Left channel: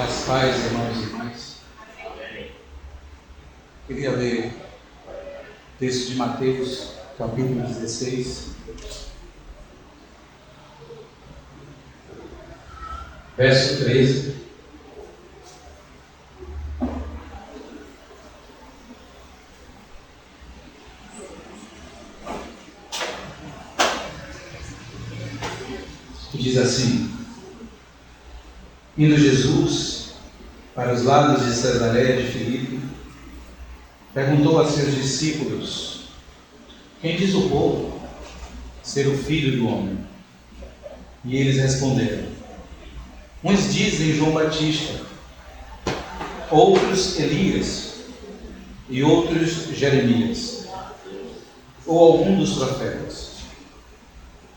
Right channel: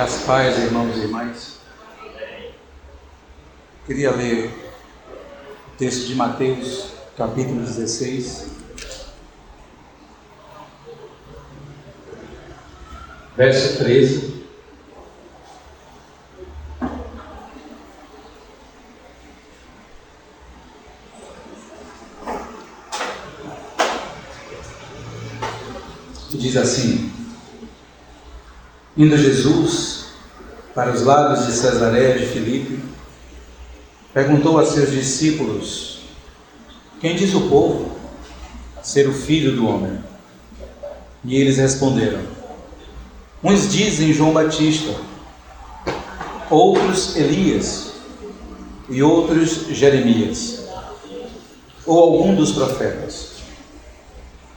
As paz, irmãos e irmãs. Queria ler o texto de Mateus, capítulo 16, verso 13. Que diz assim: Indo Jesus para os lados de Cesareia de Filipe, perguntou a seus discípulos: Quem diz o povo ser o Filho do Homem? E eles responderam: Uns dizem João Batista, outros Elias, e outros Jeremias, ou algum dos profetas.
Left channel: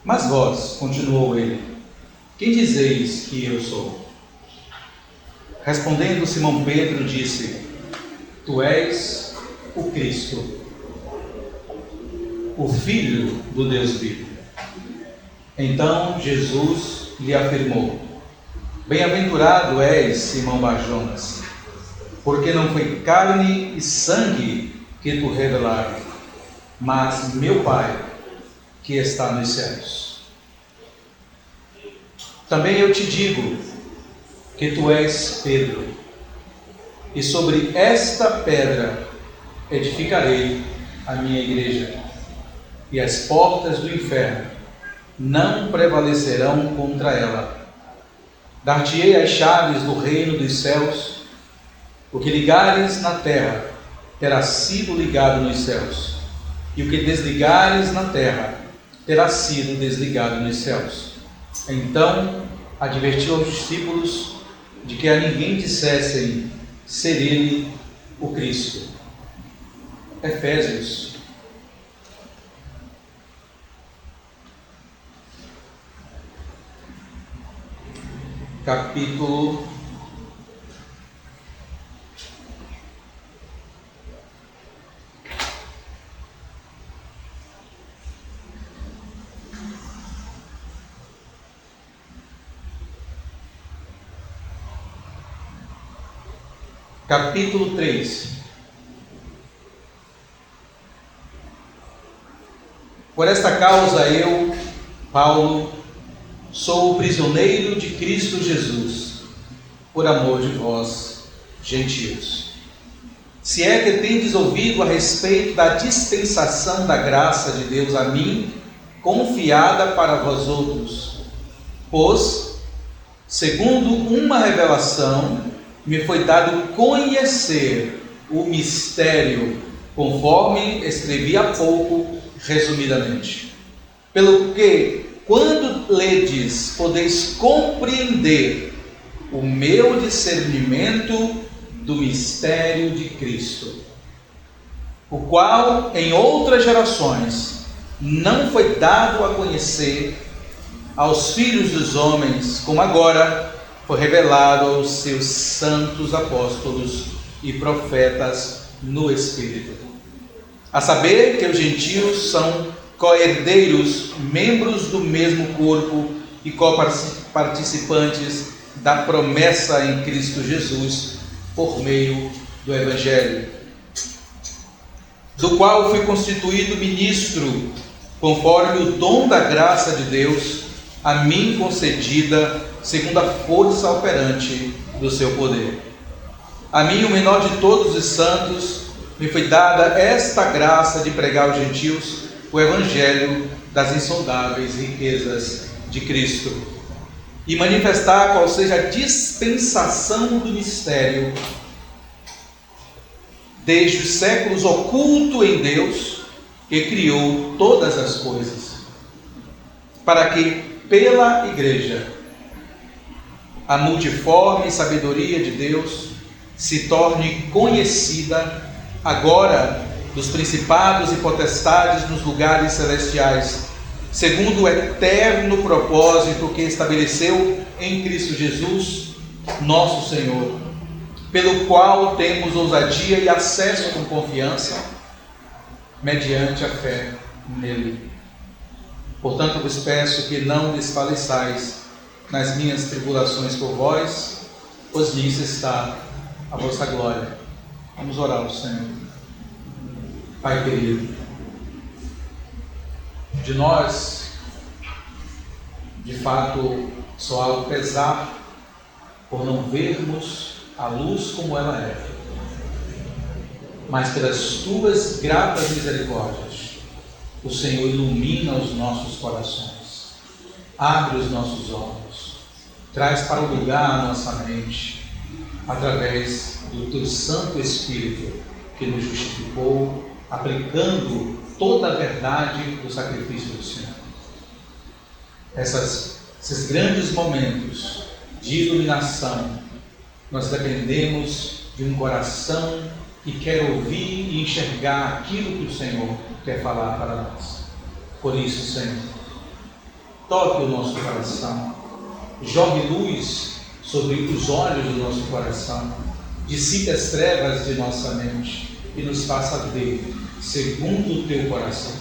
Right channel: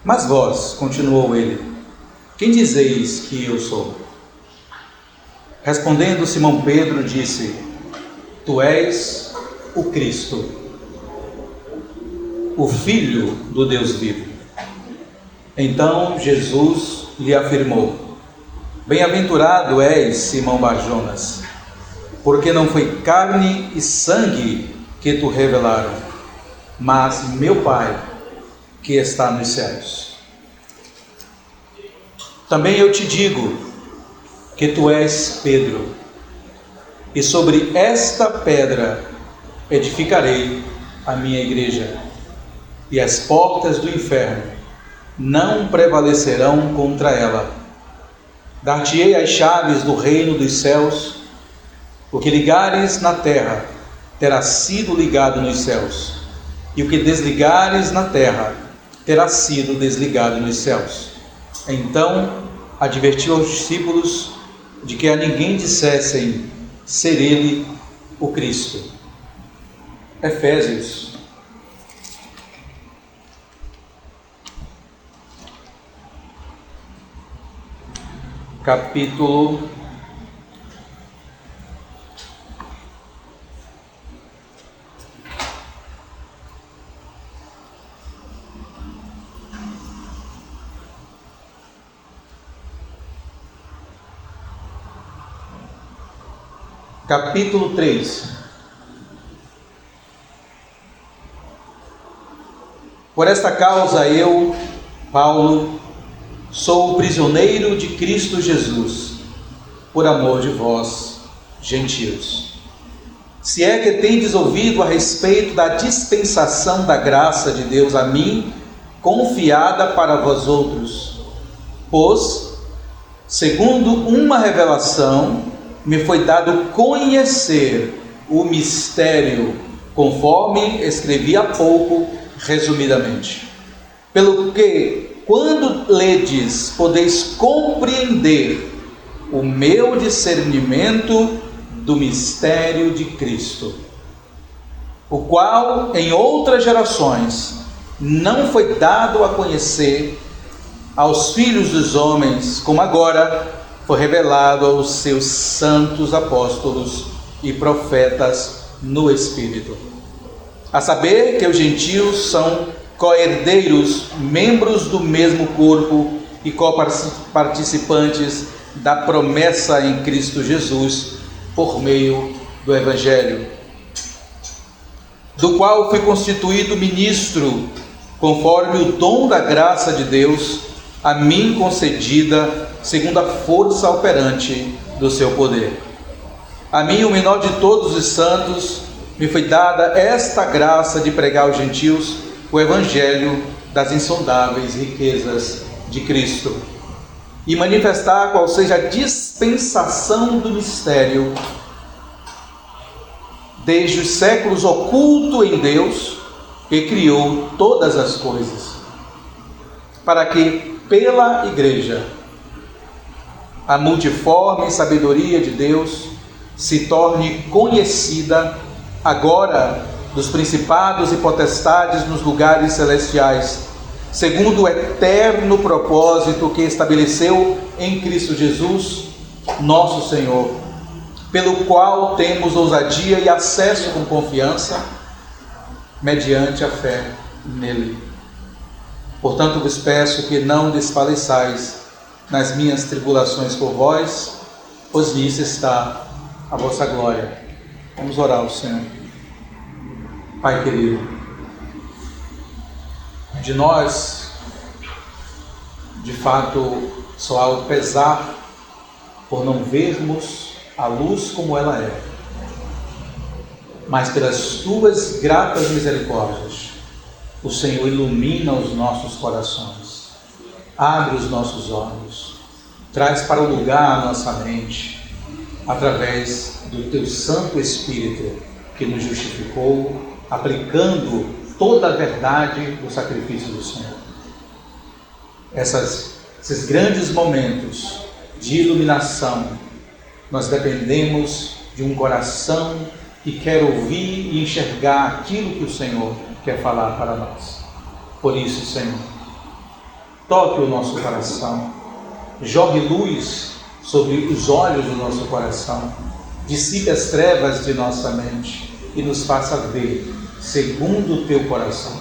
Mas vós, continuou ele, quem dizeis que eu sou? Respondendo Simão Pedro, disse: Tu és o Cristo, o Filho do Deus vivo. Então Jesus lhe afirmou: Bem-aventurado és, Simão Barjonas, porque não foi carne e sangue que tu revelaram, mas meu Pai que está nos céus. Também eu te digo que tu és Pedro, e sobre esta pedra edificarei a minha igreja, e as portas do inferno não prevalecerão contra ela. Dar-te-ei as chaves do reino dos céus. O que ligares na terra terá sido ligado nos céus, e o que desligares na terra terá sido desligado nos céus. Então advertiu aos discípulos de que a ninguém dissessem ser ele o Cristo. Efésios, capítulo 3. Por esta causa eu, Paulo, sou o prisioneiro de Cristo Jesus, por amor de vós, gentios. Se é que tendes ouvido a respeito da dispensação da graça de Deus a mim, confiada para vós outros, pois, segundo uma revelação, me foi dado conhecer o mistério, conforme escrevi há pouco, resumidamente. Pelo que, quando ledes, podeis compreender o meu discernimento do mistério de Cristo, o qual em outras gerações não foi dado a conhecer aos filhos dos homens, como agora foi revelado aos seus santos apóstolos e profetas no Espírito. A saber que os gentios são co-herdeiros, membros do mesmo corpo e co-participantes da promessa em Cristo Jesus, por meio do Evangelho, do qual fui constituído ministro, conforme o dom da graça de Deus, a mim concedida, segundo a força operante do seu poder. A mim, o menor de todos os santos, me foi dada esta graça de pregar aos gentios o Evangelho das insondáveis riquezas de Cristo, e manifestar qual seja a dispensação do mistério, desde os séculos oculto em Deus, que criou todas as coisas, para que, pela Igreja, a multiforme sabedoria de Deus se torne conhecida agora dos principados e potestades nos lugares celestiais, segundo o eterno propósito que estabeleceu em Cristo Jesus, nosso Senhor, pelo qual temos ousadia e acesso com confiança, mediante a fé nele. Portanto, vos peço que não desfaleçais nas minhas tribulações por vós, pois nisso está a vossa glória. Vamos orar ao Senhor. Pai querido, de nós, de fato, só há o pesar por não vermos a luz como ela é, mas pelas tuas gratas misericórdias, o Senhor ilumina os nossos corações, abre os nossos olhos, traz para o lugar a nossa mente, através do teu Santo Espírito, que nos justificou, aplicando toda a verdade do sacrifício do Senhor. Esses grandes momentos de iluminação, nós dependemos de um coração que quer ouvir e enxergar aquilo que o Senhor quer falar para nós. Por isso, Senhor, toque o nosso coração, jogue luz sobre os olhos do nosso coração, dissipe as trevas de nossa mente e nos faça ver segundo o teu coração,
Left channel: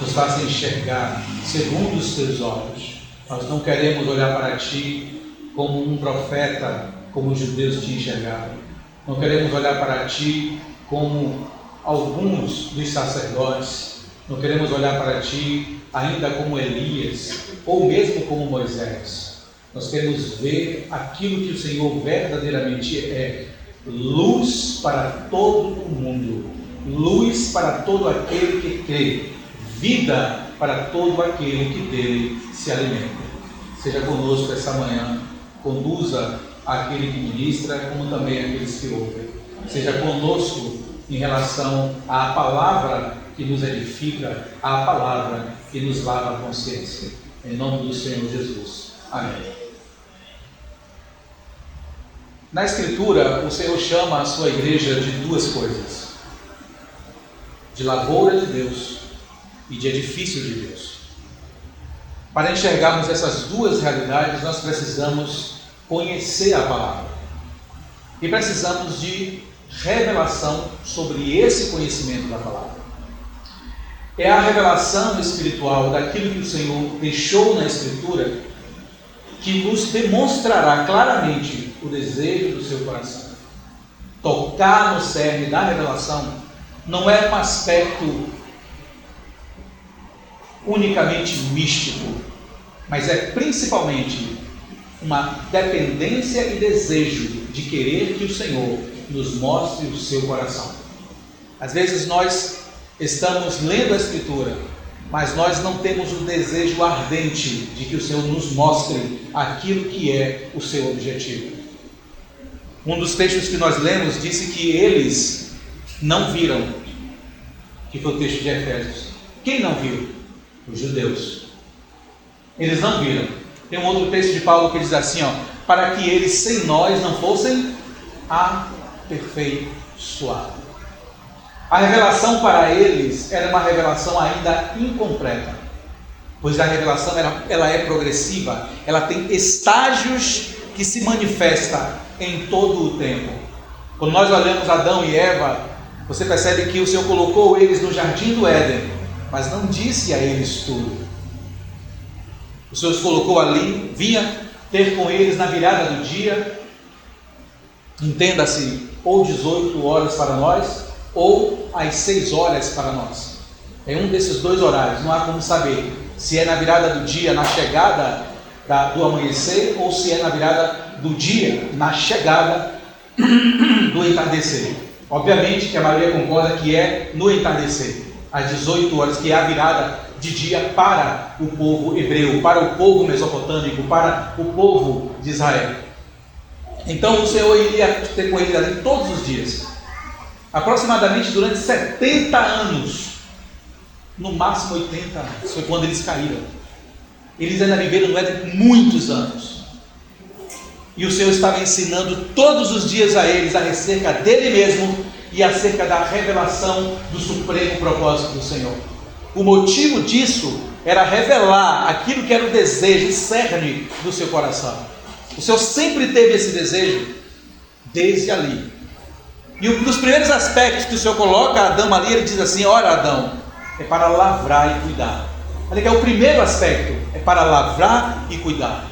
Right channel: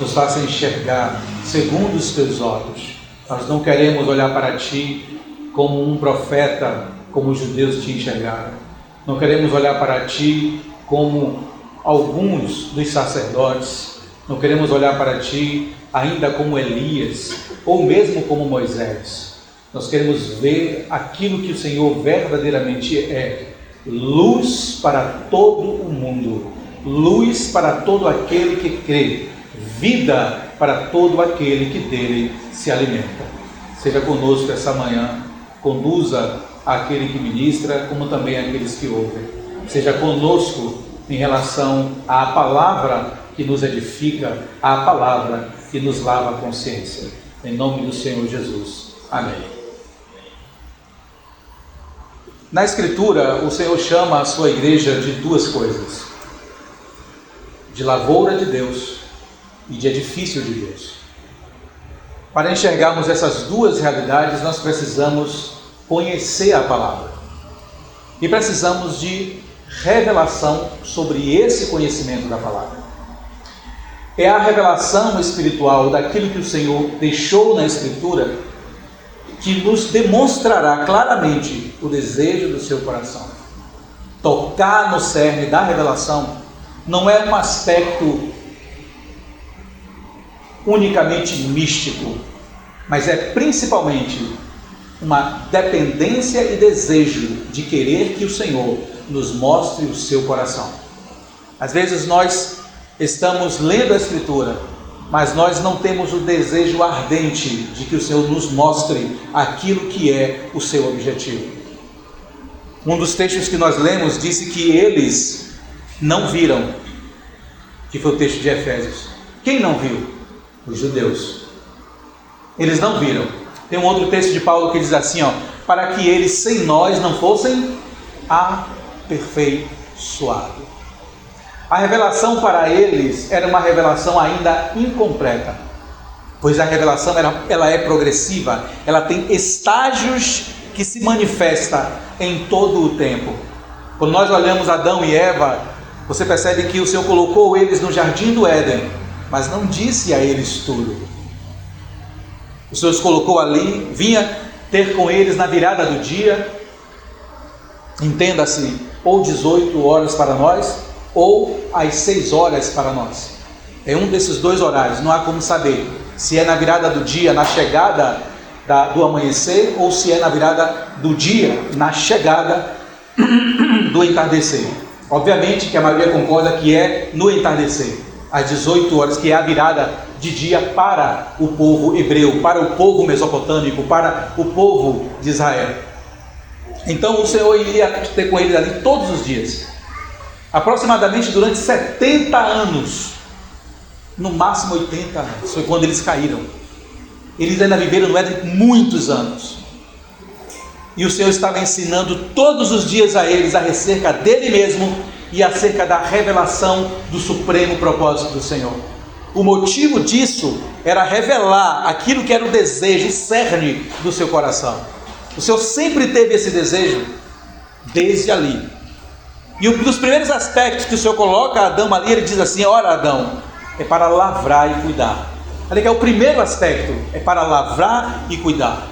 nos faça enxergar segundo os teus olhos. Nós não queremos olhar para ti como um profeta, como os judeus te enxergaram. Não queremos olhar para ti como alguns dos sacerdotes. Não queremos olhar para ti ainda como Elias, ou mesmo como Moisés. Nós queremos ver aquilo que o Senhor verdadeiramente é: luz para todo o mundo, luz para todo aquele que crê, vida para todo aquele que dele se alimenta. Seja conosco essa manhã, conduza aquele que ministra, como também aqueles que ouvem. Seja conosco em relação à palavra que nos edifica, à palavra que nos lava a consciência. Em nome do Senhor Jesus. Amém. Na Escritura, o Senhor chama a sua igreja de duas coisas: de lavoura de Deus e de edifício de Deus. Para enxergarmos essas duas realidades, nós precisamos conhecer a palavra e precisamos de revelação sobre esse conhecimento da palavra. É a revelação espiritual daquilo que o Senhor deixou na Escritura que nos demonstrará claramente o desejo do seu coração. Tocar no cerne da revelação não é um aspecto unicamente místico, mas é principalmente uma dependência e desejo de querer que o Senhor nos mostre o seu coração. Às vezes nós estamos lendo a Escritura, mas nós não temos o desejo ardente de que o Senhor nos mostre aquilo que é o seu objetivo. Um dos textos que nós lemos disse que eles não viram, que foi o texto de Efésios. Quem não viu? Os judeus. Eles não viram. Tem um outro texto de Paulo que diz assim, para que eles sem nós não fossem aperfeiçoados. A revelação para eles era uma revelação ainda incompleta, pois a revelação ela é progressiva, ela tem estágios que se manifestam em todo o tempo. Quando nós olhamos Adão e Eva, você percebe que o Senhor colocou eles no jardim do Éden, mas não disse a eles tudo. O Senhor os colocou ali, vinha ter com eles na virada do dia, entenda-se, ou 18 horas para nós, ou às 6 horas para nós. É um desses dois horários, não há como saber se é na virada do dia, na chegada do amanhecer, ou se é na virada do dia, na chegada do entardecer. Obviamente que a maioria concorda que é no entardecer, às 18 horas, que é a virada de dia para o povo hebreu, para o povo mesopotâmico, para o povo de Israel. Então o Senhor iria ter com eles ali todos os dias, aproximadamente durante 70 anos, no máximo 80 anos, foi quando eles caíram. Eles ainda viveram no Éden muitos anos, e o Senhor estava ensinando todos os dias a eles acerca dele mesmo e acerca da revelação do supremo propósito do Senhor. O motivo disso era revelar aquilo que era o desejo, o cerne do seu coração. O Senhor sempre teve esse desejo desde ali. E um dos primeiros aspectos que o Senhor coloca a Adão ali, ele diz assim: ora, Adão, é para lavrar e cuidar. Olha que é o primeiro aspecto, é para lavrar e cuidar.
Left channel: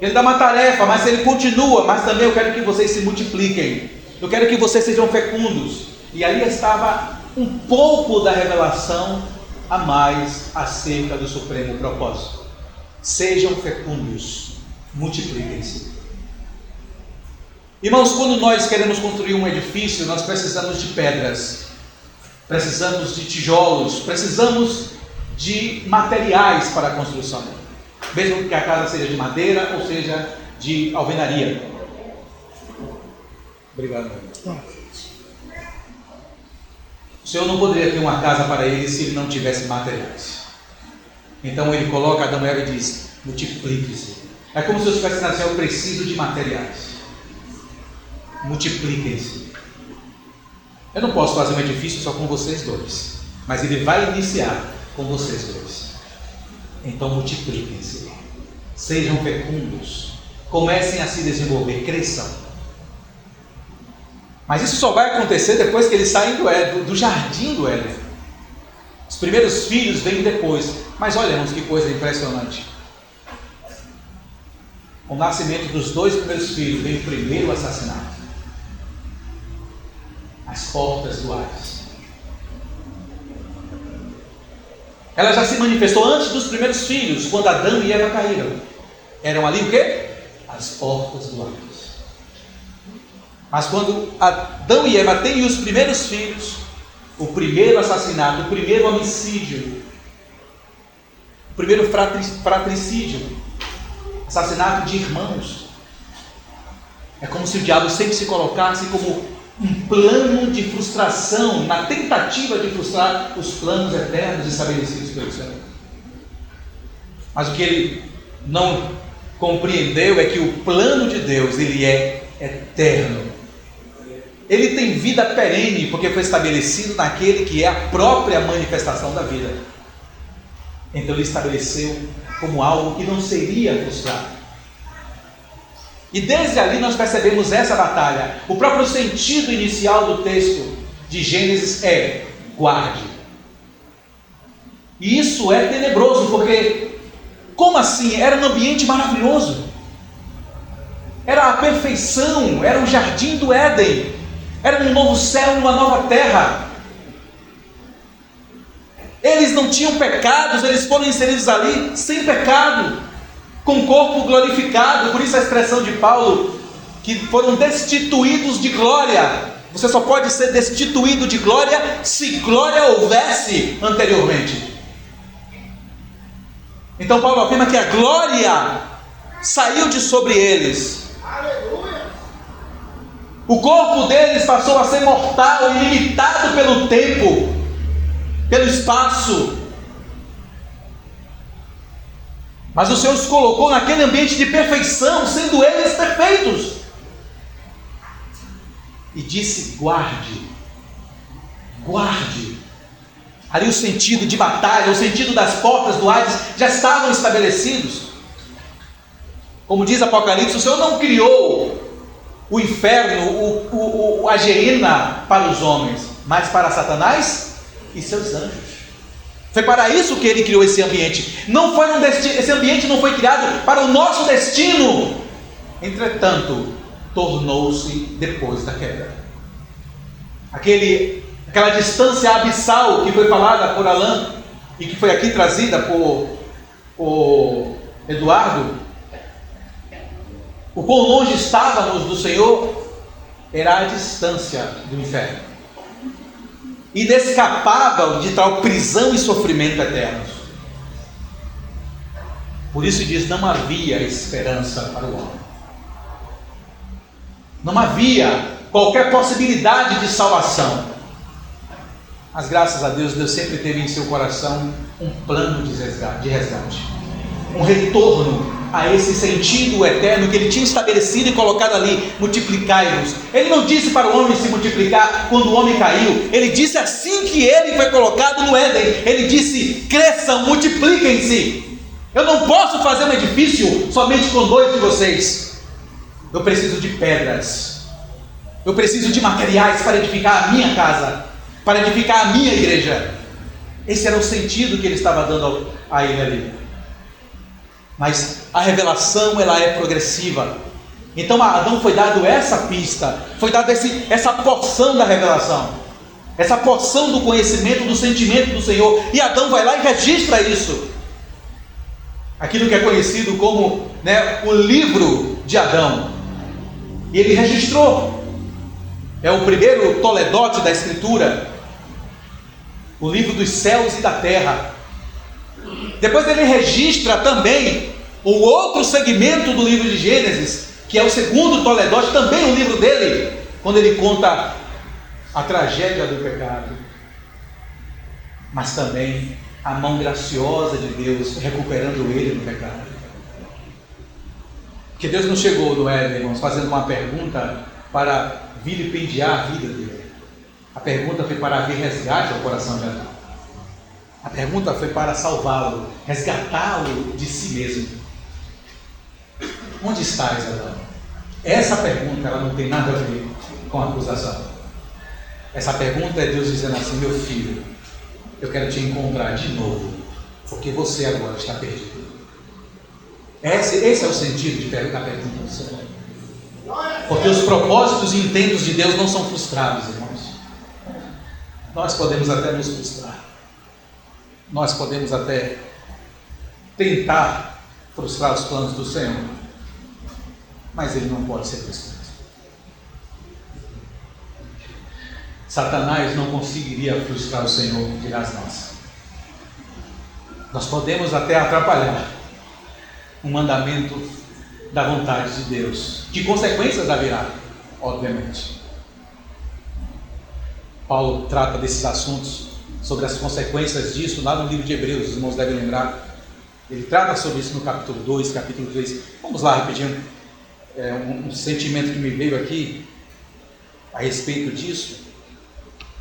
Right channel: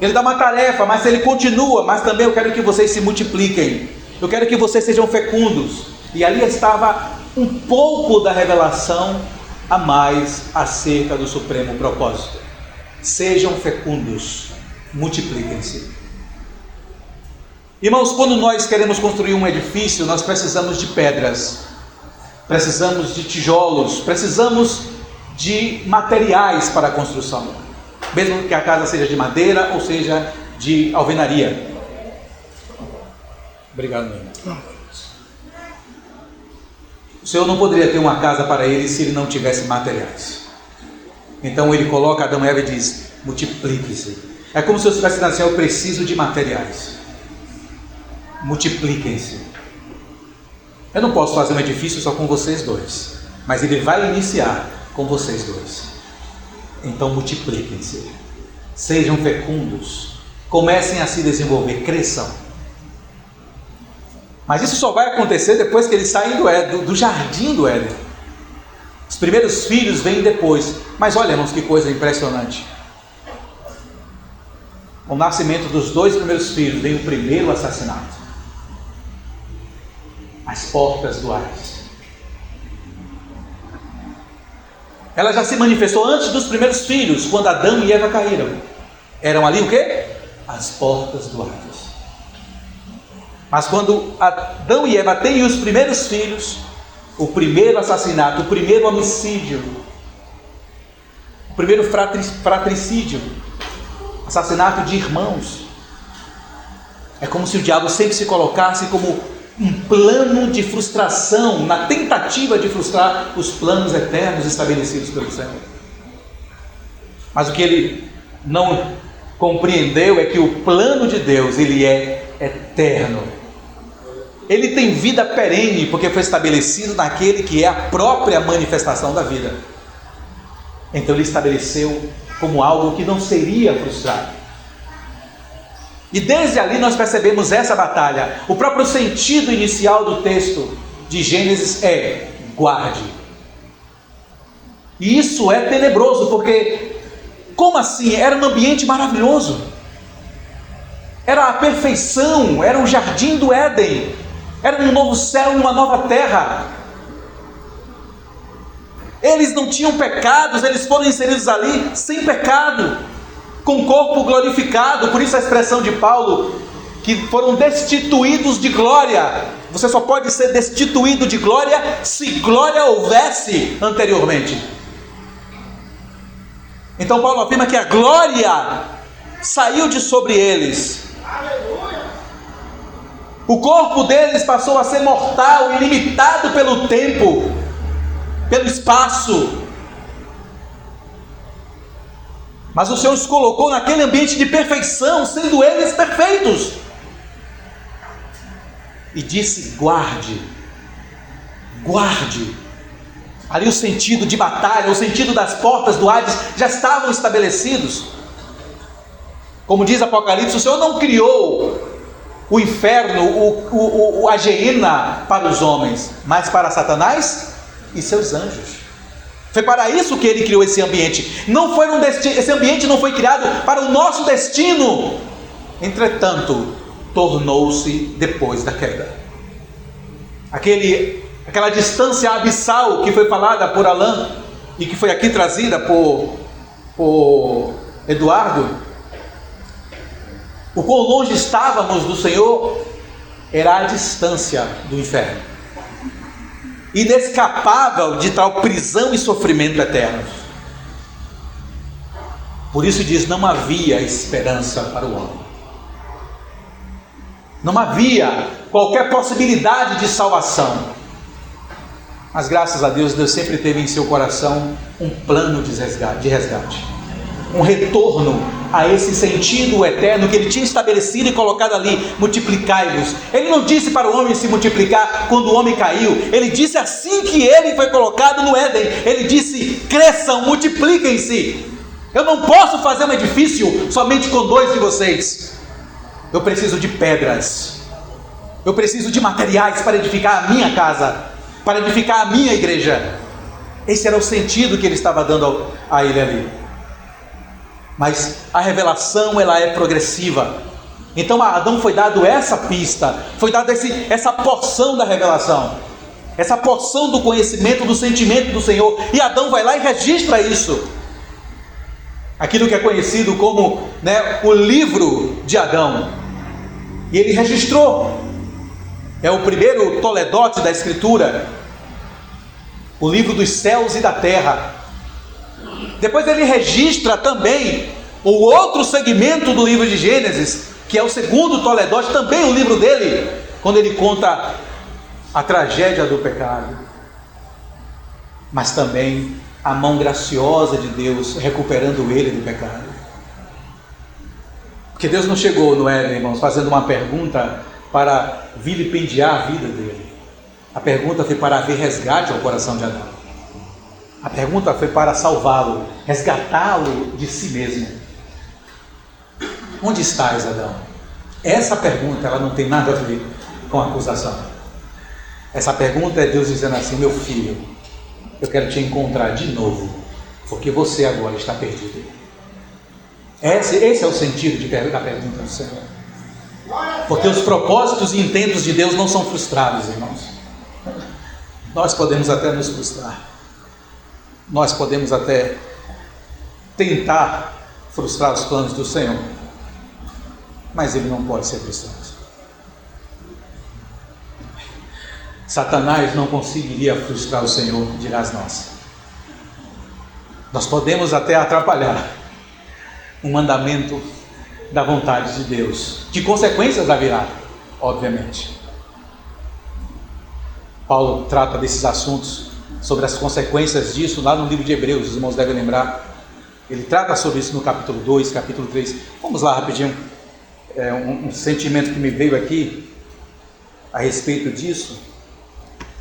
Ele dá uma tarefa, mas ele continua, mas também eu quero que vocês se multipliquem. Eu quero que vocês sejam fecundos. E ali estava um pouco da revelação a mais acerca do supremo propósito. Sejam fecundos, multipliquem-se. Irmãos, quando nós queremos construir um edifício, nós precisamos de pedras, precisamos de tijolos, precisamos de materiais para a construção, mesmo que a casa seja de madeira ou seja de alvenaria. Obrigado, meu irmão. O Senhor não poderia ter uma casa para ele se ele não tivesse materiais. Então ele coloca Adão e Eva e diz: multiplique-se. É como se eu estivesse dizendo assim: eu preciso de materiais. Multipliquem-se. Eu não posso fazer um edifício só com vocês dois, mas ele vai iniciar com vocês dois. Então multipliquem-se, sejam fecundos, comecem a se desenvolver, cresçam. Mas isso só vai acontecer depois que eles saem do jardim do Éden. Os primeiros filhos vêm depois. Mas olha, irmãos, que coisa impressionante. Com o nascimento dos 2 primeiros filhos vem o primeiro assassinato. As portas do Hades. Ela já se manifestou antes dos primeiros filhos, quando Adão e Eva caíram. Eram ali o quê? As portas do Hades. Mas quando Adão e Eva têm os primeiros filhos, o primeiro assassinato, o primeiro homicídio, o primeiro fratricídio, assassinato de irmãos, é como se o diabo sempre se colocasse como um plano de frustração, na tentativa de frustrar os planos eternos estabelecidos pelo Senhor. Mas o que ele não compreendeu é que o plano de Deus, ele é eterno. Ele tem vida perene, porque foi estabelecido naquele que é a própria manifestação da vida. Então ele estabeleceu como algo que não seria frustrado. E desde ali nós percebemos essa batalha. O próprio sentido inicial do texto de Gênesis é: guarde. E isso é tenebroso, porque como assim? Era um ambiente maravilhoso, era a perfeição, era o jardim do Éden, era um novo céu e uma nova terra. Eles não tinham pecados, eles foram inseridos ali sem pecado, com corpo glorificado. Por isso a expressão de Paulo, que foram destituídos de glória. Você só pode ser destituído de glória se glória houvesse anteriormente. Então Paulo afirma que a glória saiu de sobre eles. O corpo deles passou a ser mortal, ilimitado pelo tempo, pelo espaço. Mas o Senhor os colocou naquele ambiente de perfeição, sendo eles perfeitos. E disse: guarde, guarde. Ali o sentido de batalha, o sentido das portas do Hades já estavam estabelecidos. Como diz Apocalipse, o Senhor não criou o inferno, a geena para os homens, mas para Satanás e seus anjos. Foi para isso que ele criou esse ambiente. Não foi esse ambiente não foi criado para o nosso destino. Entretanto, tornou-se depois da queda. Aquela distância abissal que foi falada por Alain e que foi aqui trazida por Eduardo. O quão longe estávamos do Senhor era a distância do inferno, inescapável de tal prisão e sofrimento eternos. Por isso diz: não havia esperança para o homem, não havia qualquer possibilidade de salvação. Mas graças a Deus, Deus sempre teve em seu coração um plano de resgate, um retorno a esse sentido eterno que ele tinha estabelecido e colocado ali: multiplicai-vos. Ele não disse para o homem se multiplicar quando o homem caiu, ele disse assim que ele foi colocado no Éden. Ele disse: cresçam, multipliquem-se. Eu não posso fazer um edifício somente com 2 de vocês. Eu preciso de pedras, eu preciso de materiais para edificar a minha casa, para edificar a minha igreja. Esse era o sentido que ele estava dando a ele ali. Mas a revelação, ela é progressiva. Então a Adão foi dado essa pista, foi dada essa porção da revelação, essa porção do conhecimento, do sentimento do Senhor. E Adão vai lá e registra isso. Aquilo que é conhecido como, o livro de Adão. E ele registrou. É o primeiro toledote da Escritura. O livro dos céus e da terra. Depois ele registra também o outro segmento do livro de Gênesis, que é o segundo toledote, também o livro dele, quando ele conta a tragédia do pecado, mas também a mão graciosa de Deus recuperando ele do pecado. Porque Deus não chegou no Éden, irmãos, fazendo uma pergunta para vilipendiar a vida dele. A pergunta foi para haver resgate ao coração de Adão. A pergunta foi para salvá-lo, resgatá-lo de si mesmo. Onde estás, Adão? Essa pergunta, ela não tem nada a ver com a acusação. Essa pergunta é Deus dizendo assim: meu filho, eu quero te encontrar de novo, porque você agora está perdido. Esse é o sentido da pergunta do Senhor. Porque os propósitos e intentos de Deus não são frustrados, irmãos. Nós podemos até nos frustrar. Nós podemos até tentar frustrar os planos do Senhor, mas ele não pode ser frustrado. Satanás não conseguiria frustrar o Senhor, dirás nós. Nós podemos até atrapalhar um mandamento da vontade de Deus, que consequências haverá, obviamente. Paulo trata desses assuntos, sobre as consequências disso, lá no livro de Hebreus, os irmãos devem lembrar. Ele trata sobre isso no capítulo 2, capítulo 3. Vamos lá rapidinho. Um sentimento que me veio aqui a respeito disso.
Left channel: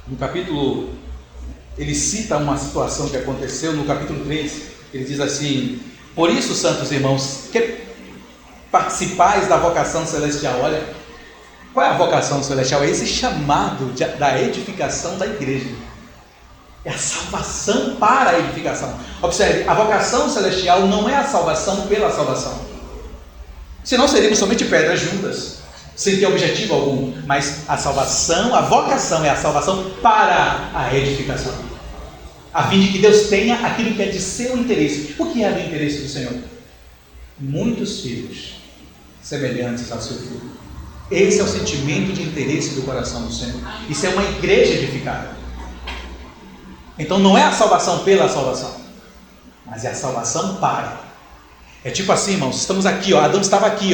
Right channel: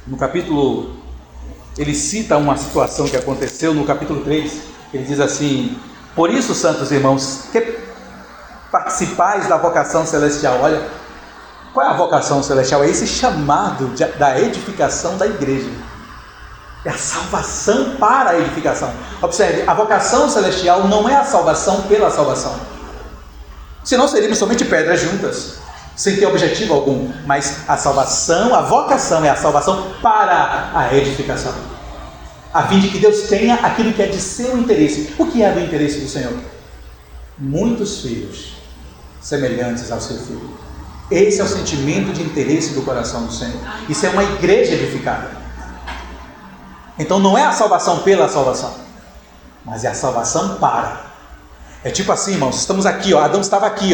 No capítulo, ele cita uma situação que aconteceu no capítulo 3. Ele diz assim: por isso, santos irmãos, que participais da vocação celestial. Olha, qual é a vocação celestial? É esse chamado da edificação da igreja. É a salvação para a edificação. Observe, a vocação celestial não é a salvação pela salvação. Senão seríamos somente pedras juntas, sem ter objetivo algum. Mas a salvação, a vocação é a salvação para a edificação, a fim de que Deus tenha aquilo que é de seu interesse. O que é do interesse do Senhor? Muitos filhos semelhantes ao seu filho. Esse é o sentimento de interesse do coração do Senhor. Isso é uma igreja edificada. Então não é a salvação pela salvação, mas é a salvação para. É tipo assim, irmãos, estamos aqui, Adão estava aqui,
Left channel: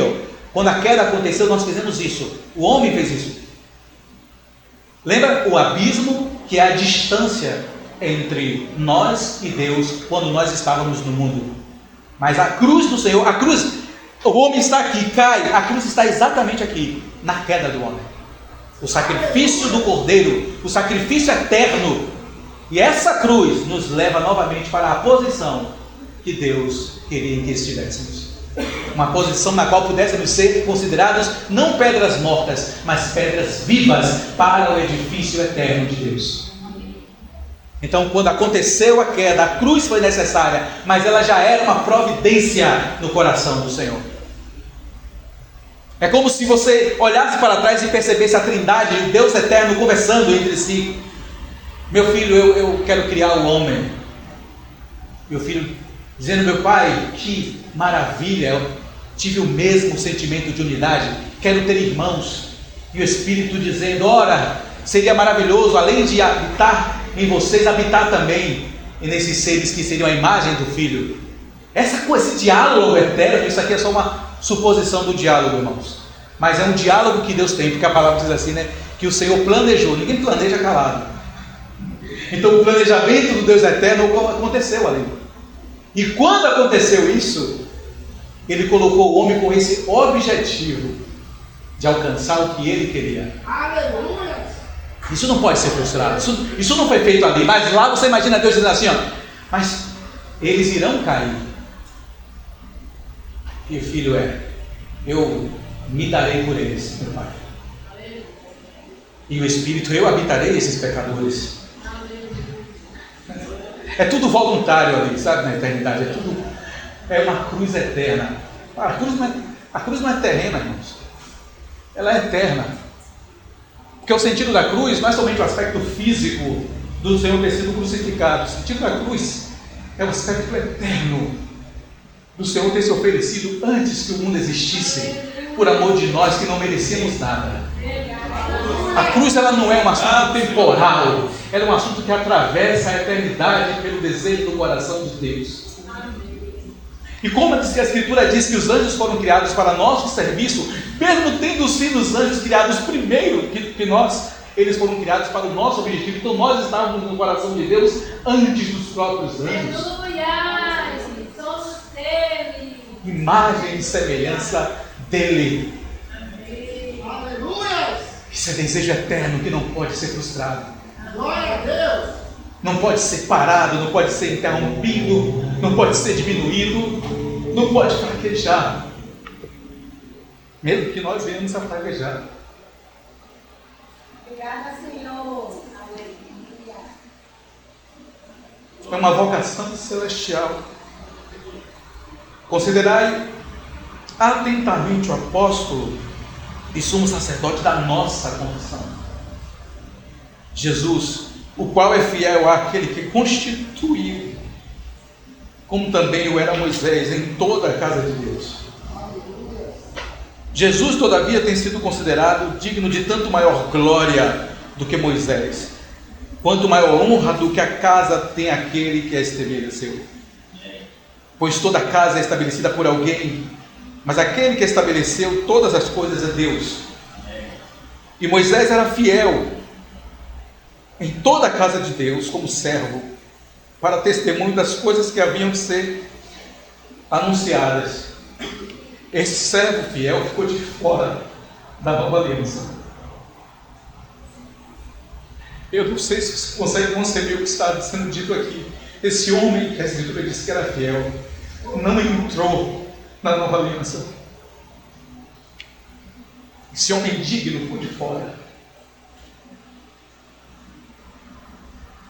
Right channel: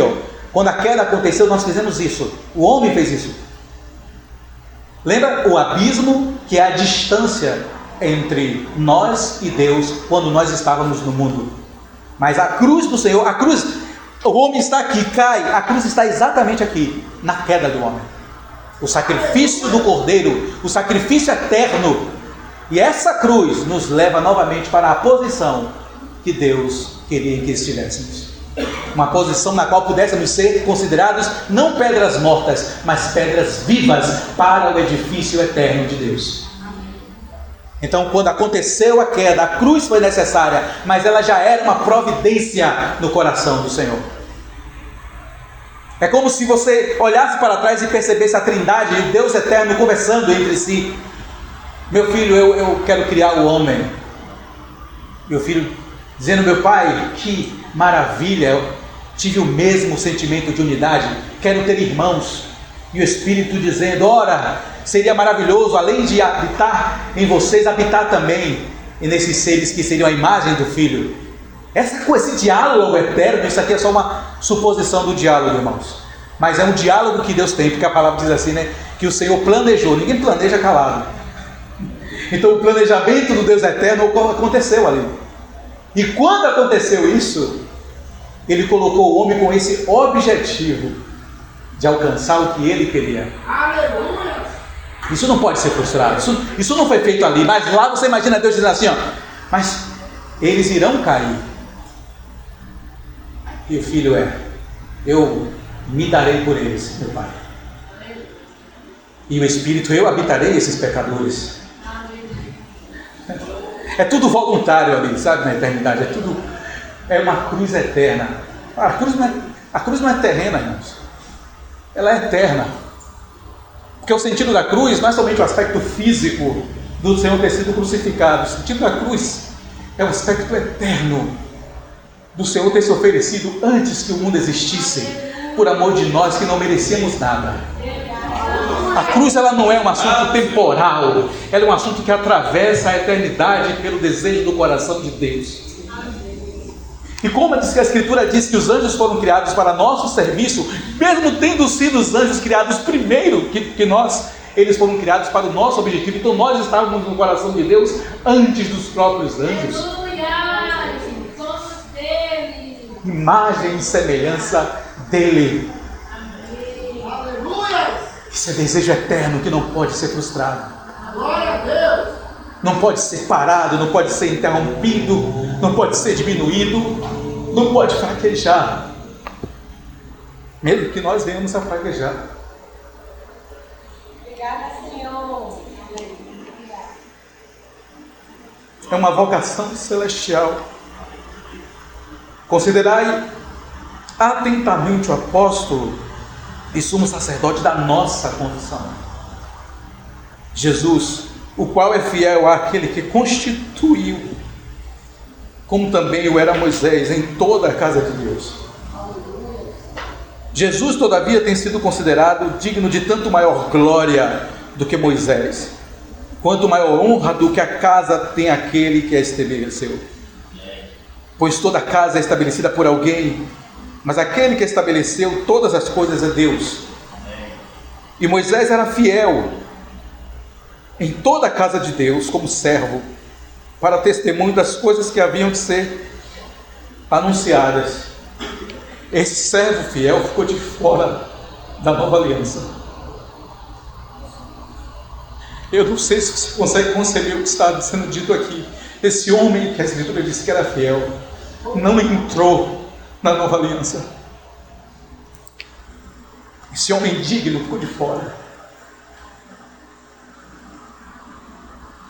quando a queda aconteceu, nós fizemos isso. O homem fez isso. Lembra o abismo, que é a distância entre nós e Deus quando nós estávamos no mundo? Mas a cruz do Senhor, a cruz, o homem está aqui, cai, a cruz está exatamente aqui, na queda do homem. O sacrifício do Cordeiro, o sacrifício eterno. E essa cruz nos leva novamente para a posição que Deus queria que estivéssemos. Uma posição na qual pudéssemos ser considerados não pedras mortas, mas pedras vivas para o edifício eterno de Deus. Então, quando aconteceu a queda, a cruz foi necessária, mas ela já era uma providência no coração do Senhor. É como se você olhasse para trás e percebesse a Trindade e o Deus eterno conversando entre si. Meu filho, eu quero criar o homem. Meu filho dizendo: meu pai, que maravilha, eu tive o mesmo sentimento de unidade, quero ter irmãos. E o Espírito dizendo: ora, seria maravilhoso, além de habitar em vocês, habitar também nesses seres que seriam a imagem do Filho. Esse diálogo eterno, isso aqui é só uma suposição do diálogo, irmãos, mas é um diálogo que Deus tem, porque a palavra diz assim, que o Senhor planejou. Ninguém planeja calado. Então o planejamento do Deus eterno aconteceu ali. E quando aconteceu isso, Ele colocou o homem com esse objetivo de alcançar o que Ele queria. Aleluia! Isso não pode ser frustrado. Isso não foi feito ali. Mas lá você imagina Deus dizendo assim: mas eles irão cair. E o filho eu me darei por eles, meu pai. E o Espírito, eu habitarei nesses pecadores. É tudo voluntário ali, sabe, na eternidade, é tudo é uma cruz eterna. A cruz não é terrena, irmãos. Ela é eterna. Porque o sentido da cruz não é somente o aspecto físico do Senhor ter sido crucificado. O sentido da cruz é o aspecto eterno do Senhor ter se oferecido antes que o mundo existisse, por amor de nós que não merecíamos nada. A cruz, ela não é um assunto temporal, ela é um assunto que atravessa a eternidade pelo desejo do coração de Deus. E como diz que a Escritura diz que os anjos foram criados para nosso serviço, mesmo tendo sido os anjos criados primeiro que nós, eles foram criados para o nosso objetivo. Então nós estávamos no coração de Deus antes dos próprios anjos. Aleluia! Somos dele. Imagem e semelhança dele. Aleluia! Isso é desejo eterno que não pode ser frustrado. Glória a Deus! Não pode ser parado, não pode ser interrompido, não pode ser diminuído, não pode fraquejar. Mesmo que nós venhamos a fraquejar. Obrigada, Senhor. É uma vocação celestial. Considerai atentamente o apóstolo e sumo sacerdote da nossa confissão, Jesus, o qual é fiel àquele que constituiu, como também o era Moisés em toda a casa de Deus. Jesus, todavia, tem sido considerado digno de tanto maior glória do que Moisés, quanto maior honra do que a casa tem aquele que a estabeleceu. Pois toda casa é estabelecida por alguém, mas aquele que estabeleceu todas as coisas é Deus. E Moisés era fiel em toda a casa de Deus como servo, para testemunho das coisas que haviam de ser anunciadas. Esse servo fiel ficou de fora da nova aliança. Eu não sei se você consegue conceber o que está sendo dito aqui. Esse homem que a Escritura disse que era fiel não entrou na nova aliança. Esse homem digno ficou de fora.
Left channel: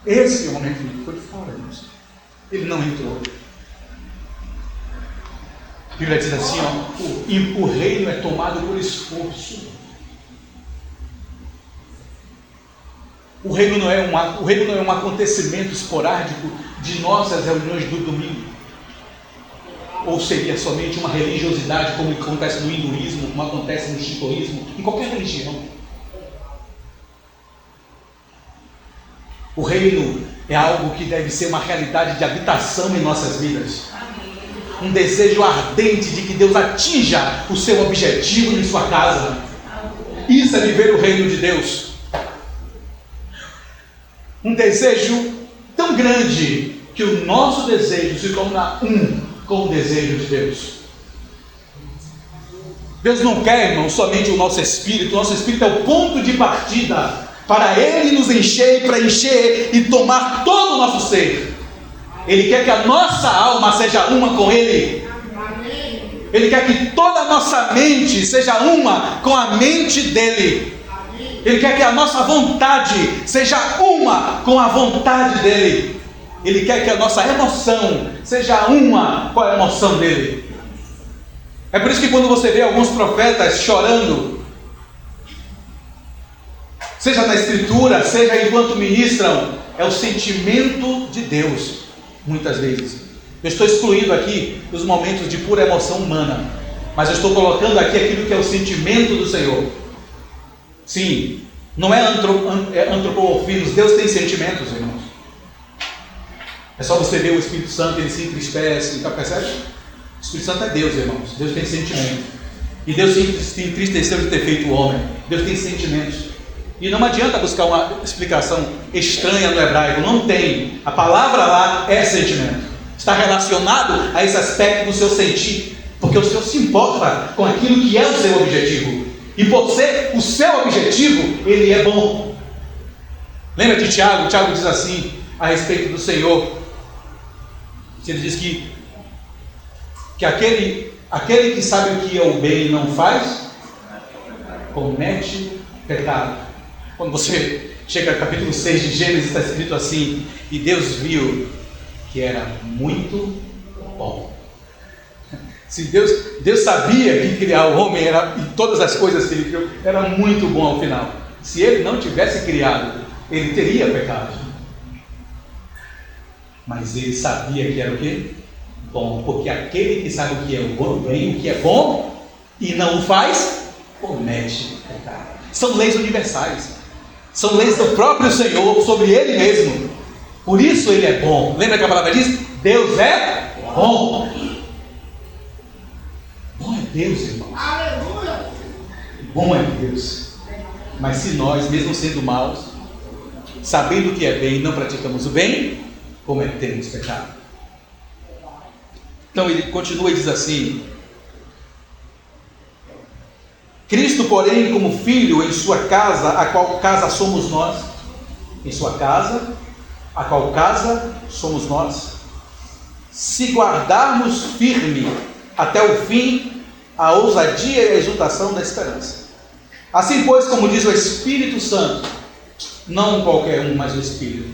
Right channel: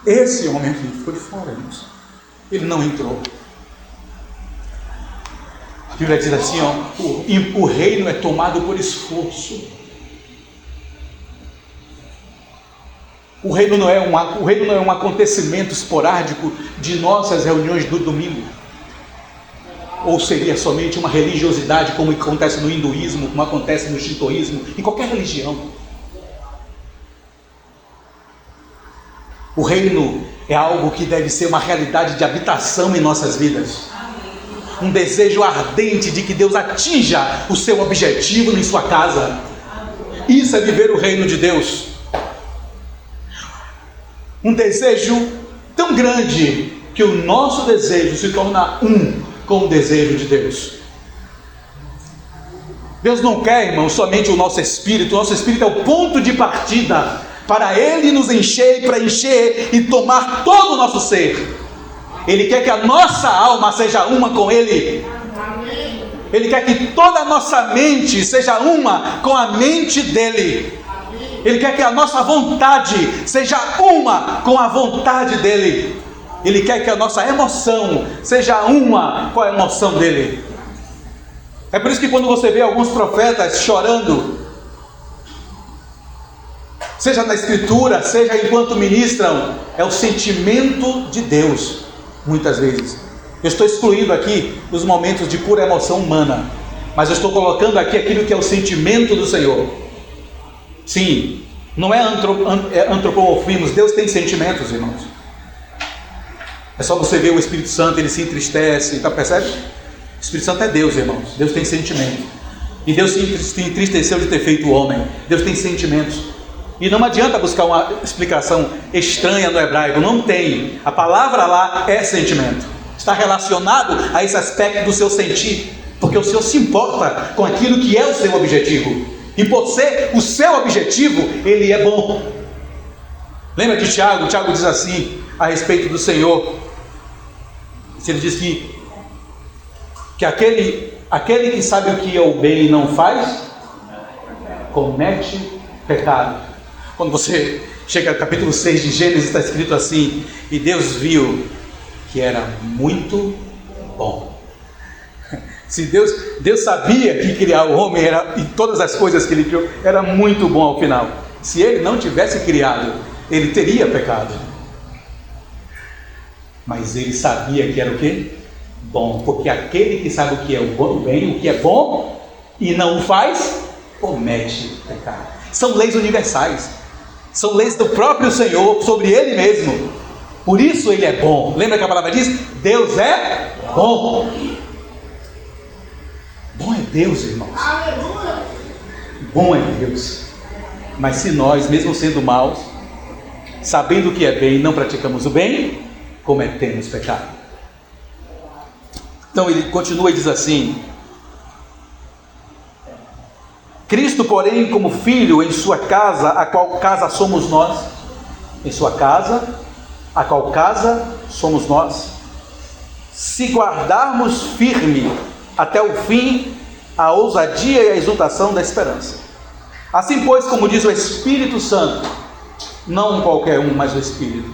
Esse homem aqui ficou de fora, irmãos. Ele não entrou. A Bíblia diz assim, o reino é tomado por esforço. O reino não é um acontecimento esporádico de nossas reuniões do domingo. Ou seria somente uma religiosidade, como acontece no hinduísmo, como acontece no shintoísmo, em qualquer religião. O reino é algo que deve ser uma realidade de habitação em nossas vidas. Um desejo ardente de que Deus atinja o seu objetivo em sua casa. Isso é viver o reino de Deus. Um desejo tão grande que o nosso desejo se torna um com o desejo de Deus. Deus não quer, irmão, somente o nosso espírito. O nosso espírito é o ponto de partida para Ele nos encher e preencher e tomar todo o nosso ser. Ele quer que a nossa alma seja uma com Ele. Ele quer que toda a nossa mente seja uma com a mente dEle. Ele quer que a nossa vontade seja uma com a vontade dEle. Ele quer que a nossa emoção seja uma com a emoção dEle. É por isso que quando você vê alguns profetas chorando, seja na Escritura, seja enquanto ministram, é o sentimento de Deus, muitas vezes. Eu estou excluindo aqui os momentos de pura emoção humana, mas eu estou colocando aqui aquilo que é o sentimento do Senhor. Sim, não é antropomorfismo. Deus tem sentimentos, irmãos. É só você ver o Espírito Santo, ele se entristece, tá, percebe? O Espírito Santo é Deus, irmãos. Deus tem sentimento. E Deus se entristeceu de ter feito o homem. Deus tem sentimentos. E não adianta buscar uma explicação estranha no hebraico. Não tem. A palavra lá é sentimento. Está relacionado a esse aspecto do seu sentir. Porque o Senhor se importa com aquilo que é o seu objetivo. E por ser o seu objetivo, Ele é bom. Lembra que Tiago diz assim a respeito do Senhor. Ele diz que aquele que sabe o que é o bem e não faz, comete pecado. Quando você chega ao capítulo 6 de Gênesis, está escrito assim: e Deus viu que era muito bom. Se Deus sabia que criar o homem e todas as coisas que ele criou era muito bom ao final. Se ele não tivesse criado, ele teria pecado. Mas ele sabia que era o quê? Bom, porque aquele que sabe o que é o bem, o que é bom, e não o faz, comete pecado. São leis universais. São leis do próprio Senhor sobre Ele mesmo. Por isso Ele é bom. Lembra que a palavra diz? Deus é bom. Bom é Deus, irmãos. Aleluia. Bom é Deus. Mas se nós, mesmo sendo maus, sabendo o que é bem, não praticamos o bem, cometemos pecado. Então ele continua e diz assim: Cristo, porém, como filho em sua casa, a qual casa somos nós. Em sua casa, a qual casa somos nós. Se guardarmos firme até o fim a ousadia e a exultação da esperança. Assim, pois, como diz o Espírito Santo, não qualquer um, mas o Espírito.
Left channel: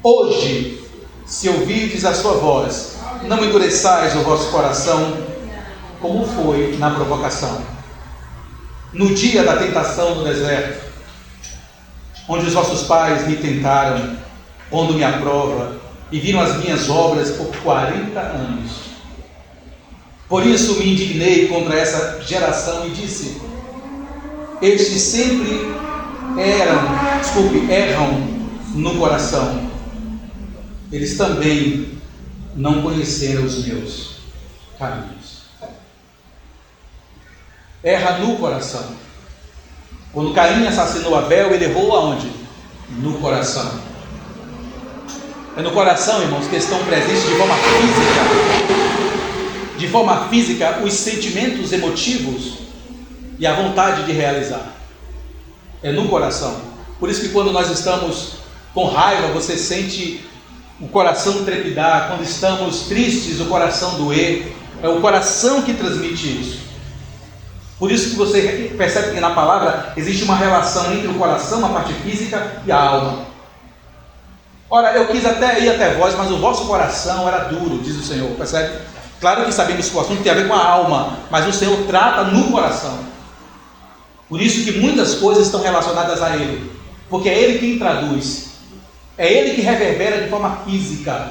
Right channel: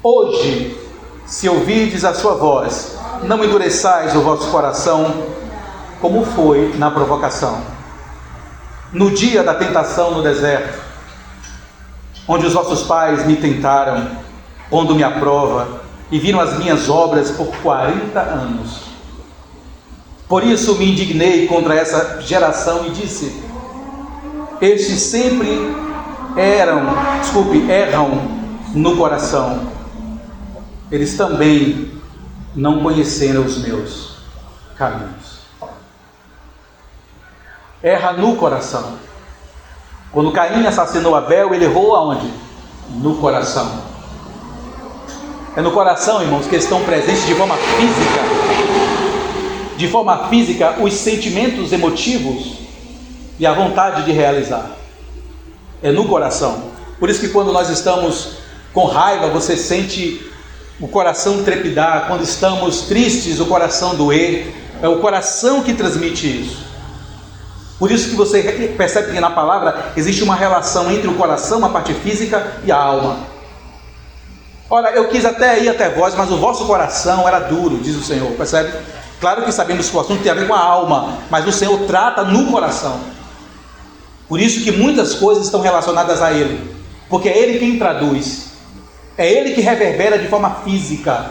Hoje, se ouvirdes a sua voz, não endureçais o vosso coração, como foi na provocação, no dia da tentação no deserto, onde os vossos pais me tentaram, pondo-me à prova, e viram as minhas obras por 40 anos. Por isso me indignei contra essa geração e disse: estes sempre erram no coração. Eles também não conheceram os meus caminhos. Erra no coração. Quando Caim assassinou Abel, ele errou aonde? No coração. É no coração, irmãos, que estão presentes de forma física. De forma física, os sentimentos emotivos e a vontade de realizar. É no coração. Por isso que quando nós estamos com raiva, você sente o coração trepidar. Quando estamos tristes, o coração doer. É o coração que transmite isso. Por isso que você percebe que na palavra existe uma relação entre o coração, a parte física, e a alma. Ora, eu quis até ir até vós, mas o vosso coração era duro, diz o Senhor, percebe? Claro que sabemos que o assunto tem a ver com a alma, mas o Senhor trata no coração. Por isso que muitas coisas estão relacionadas a Ele, porque é Ele quem traduz, é Ele que reverbera de forma física.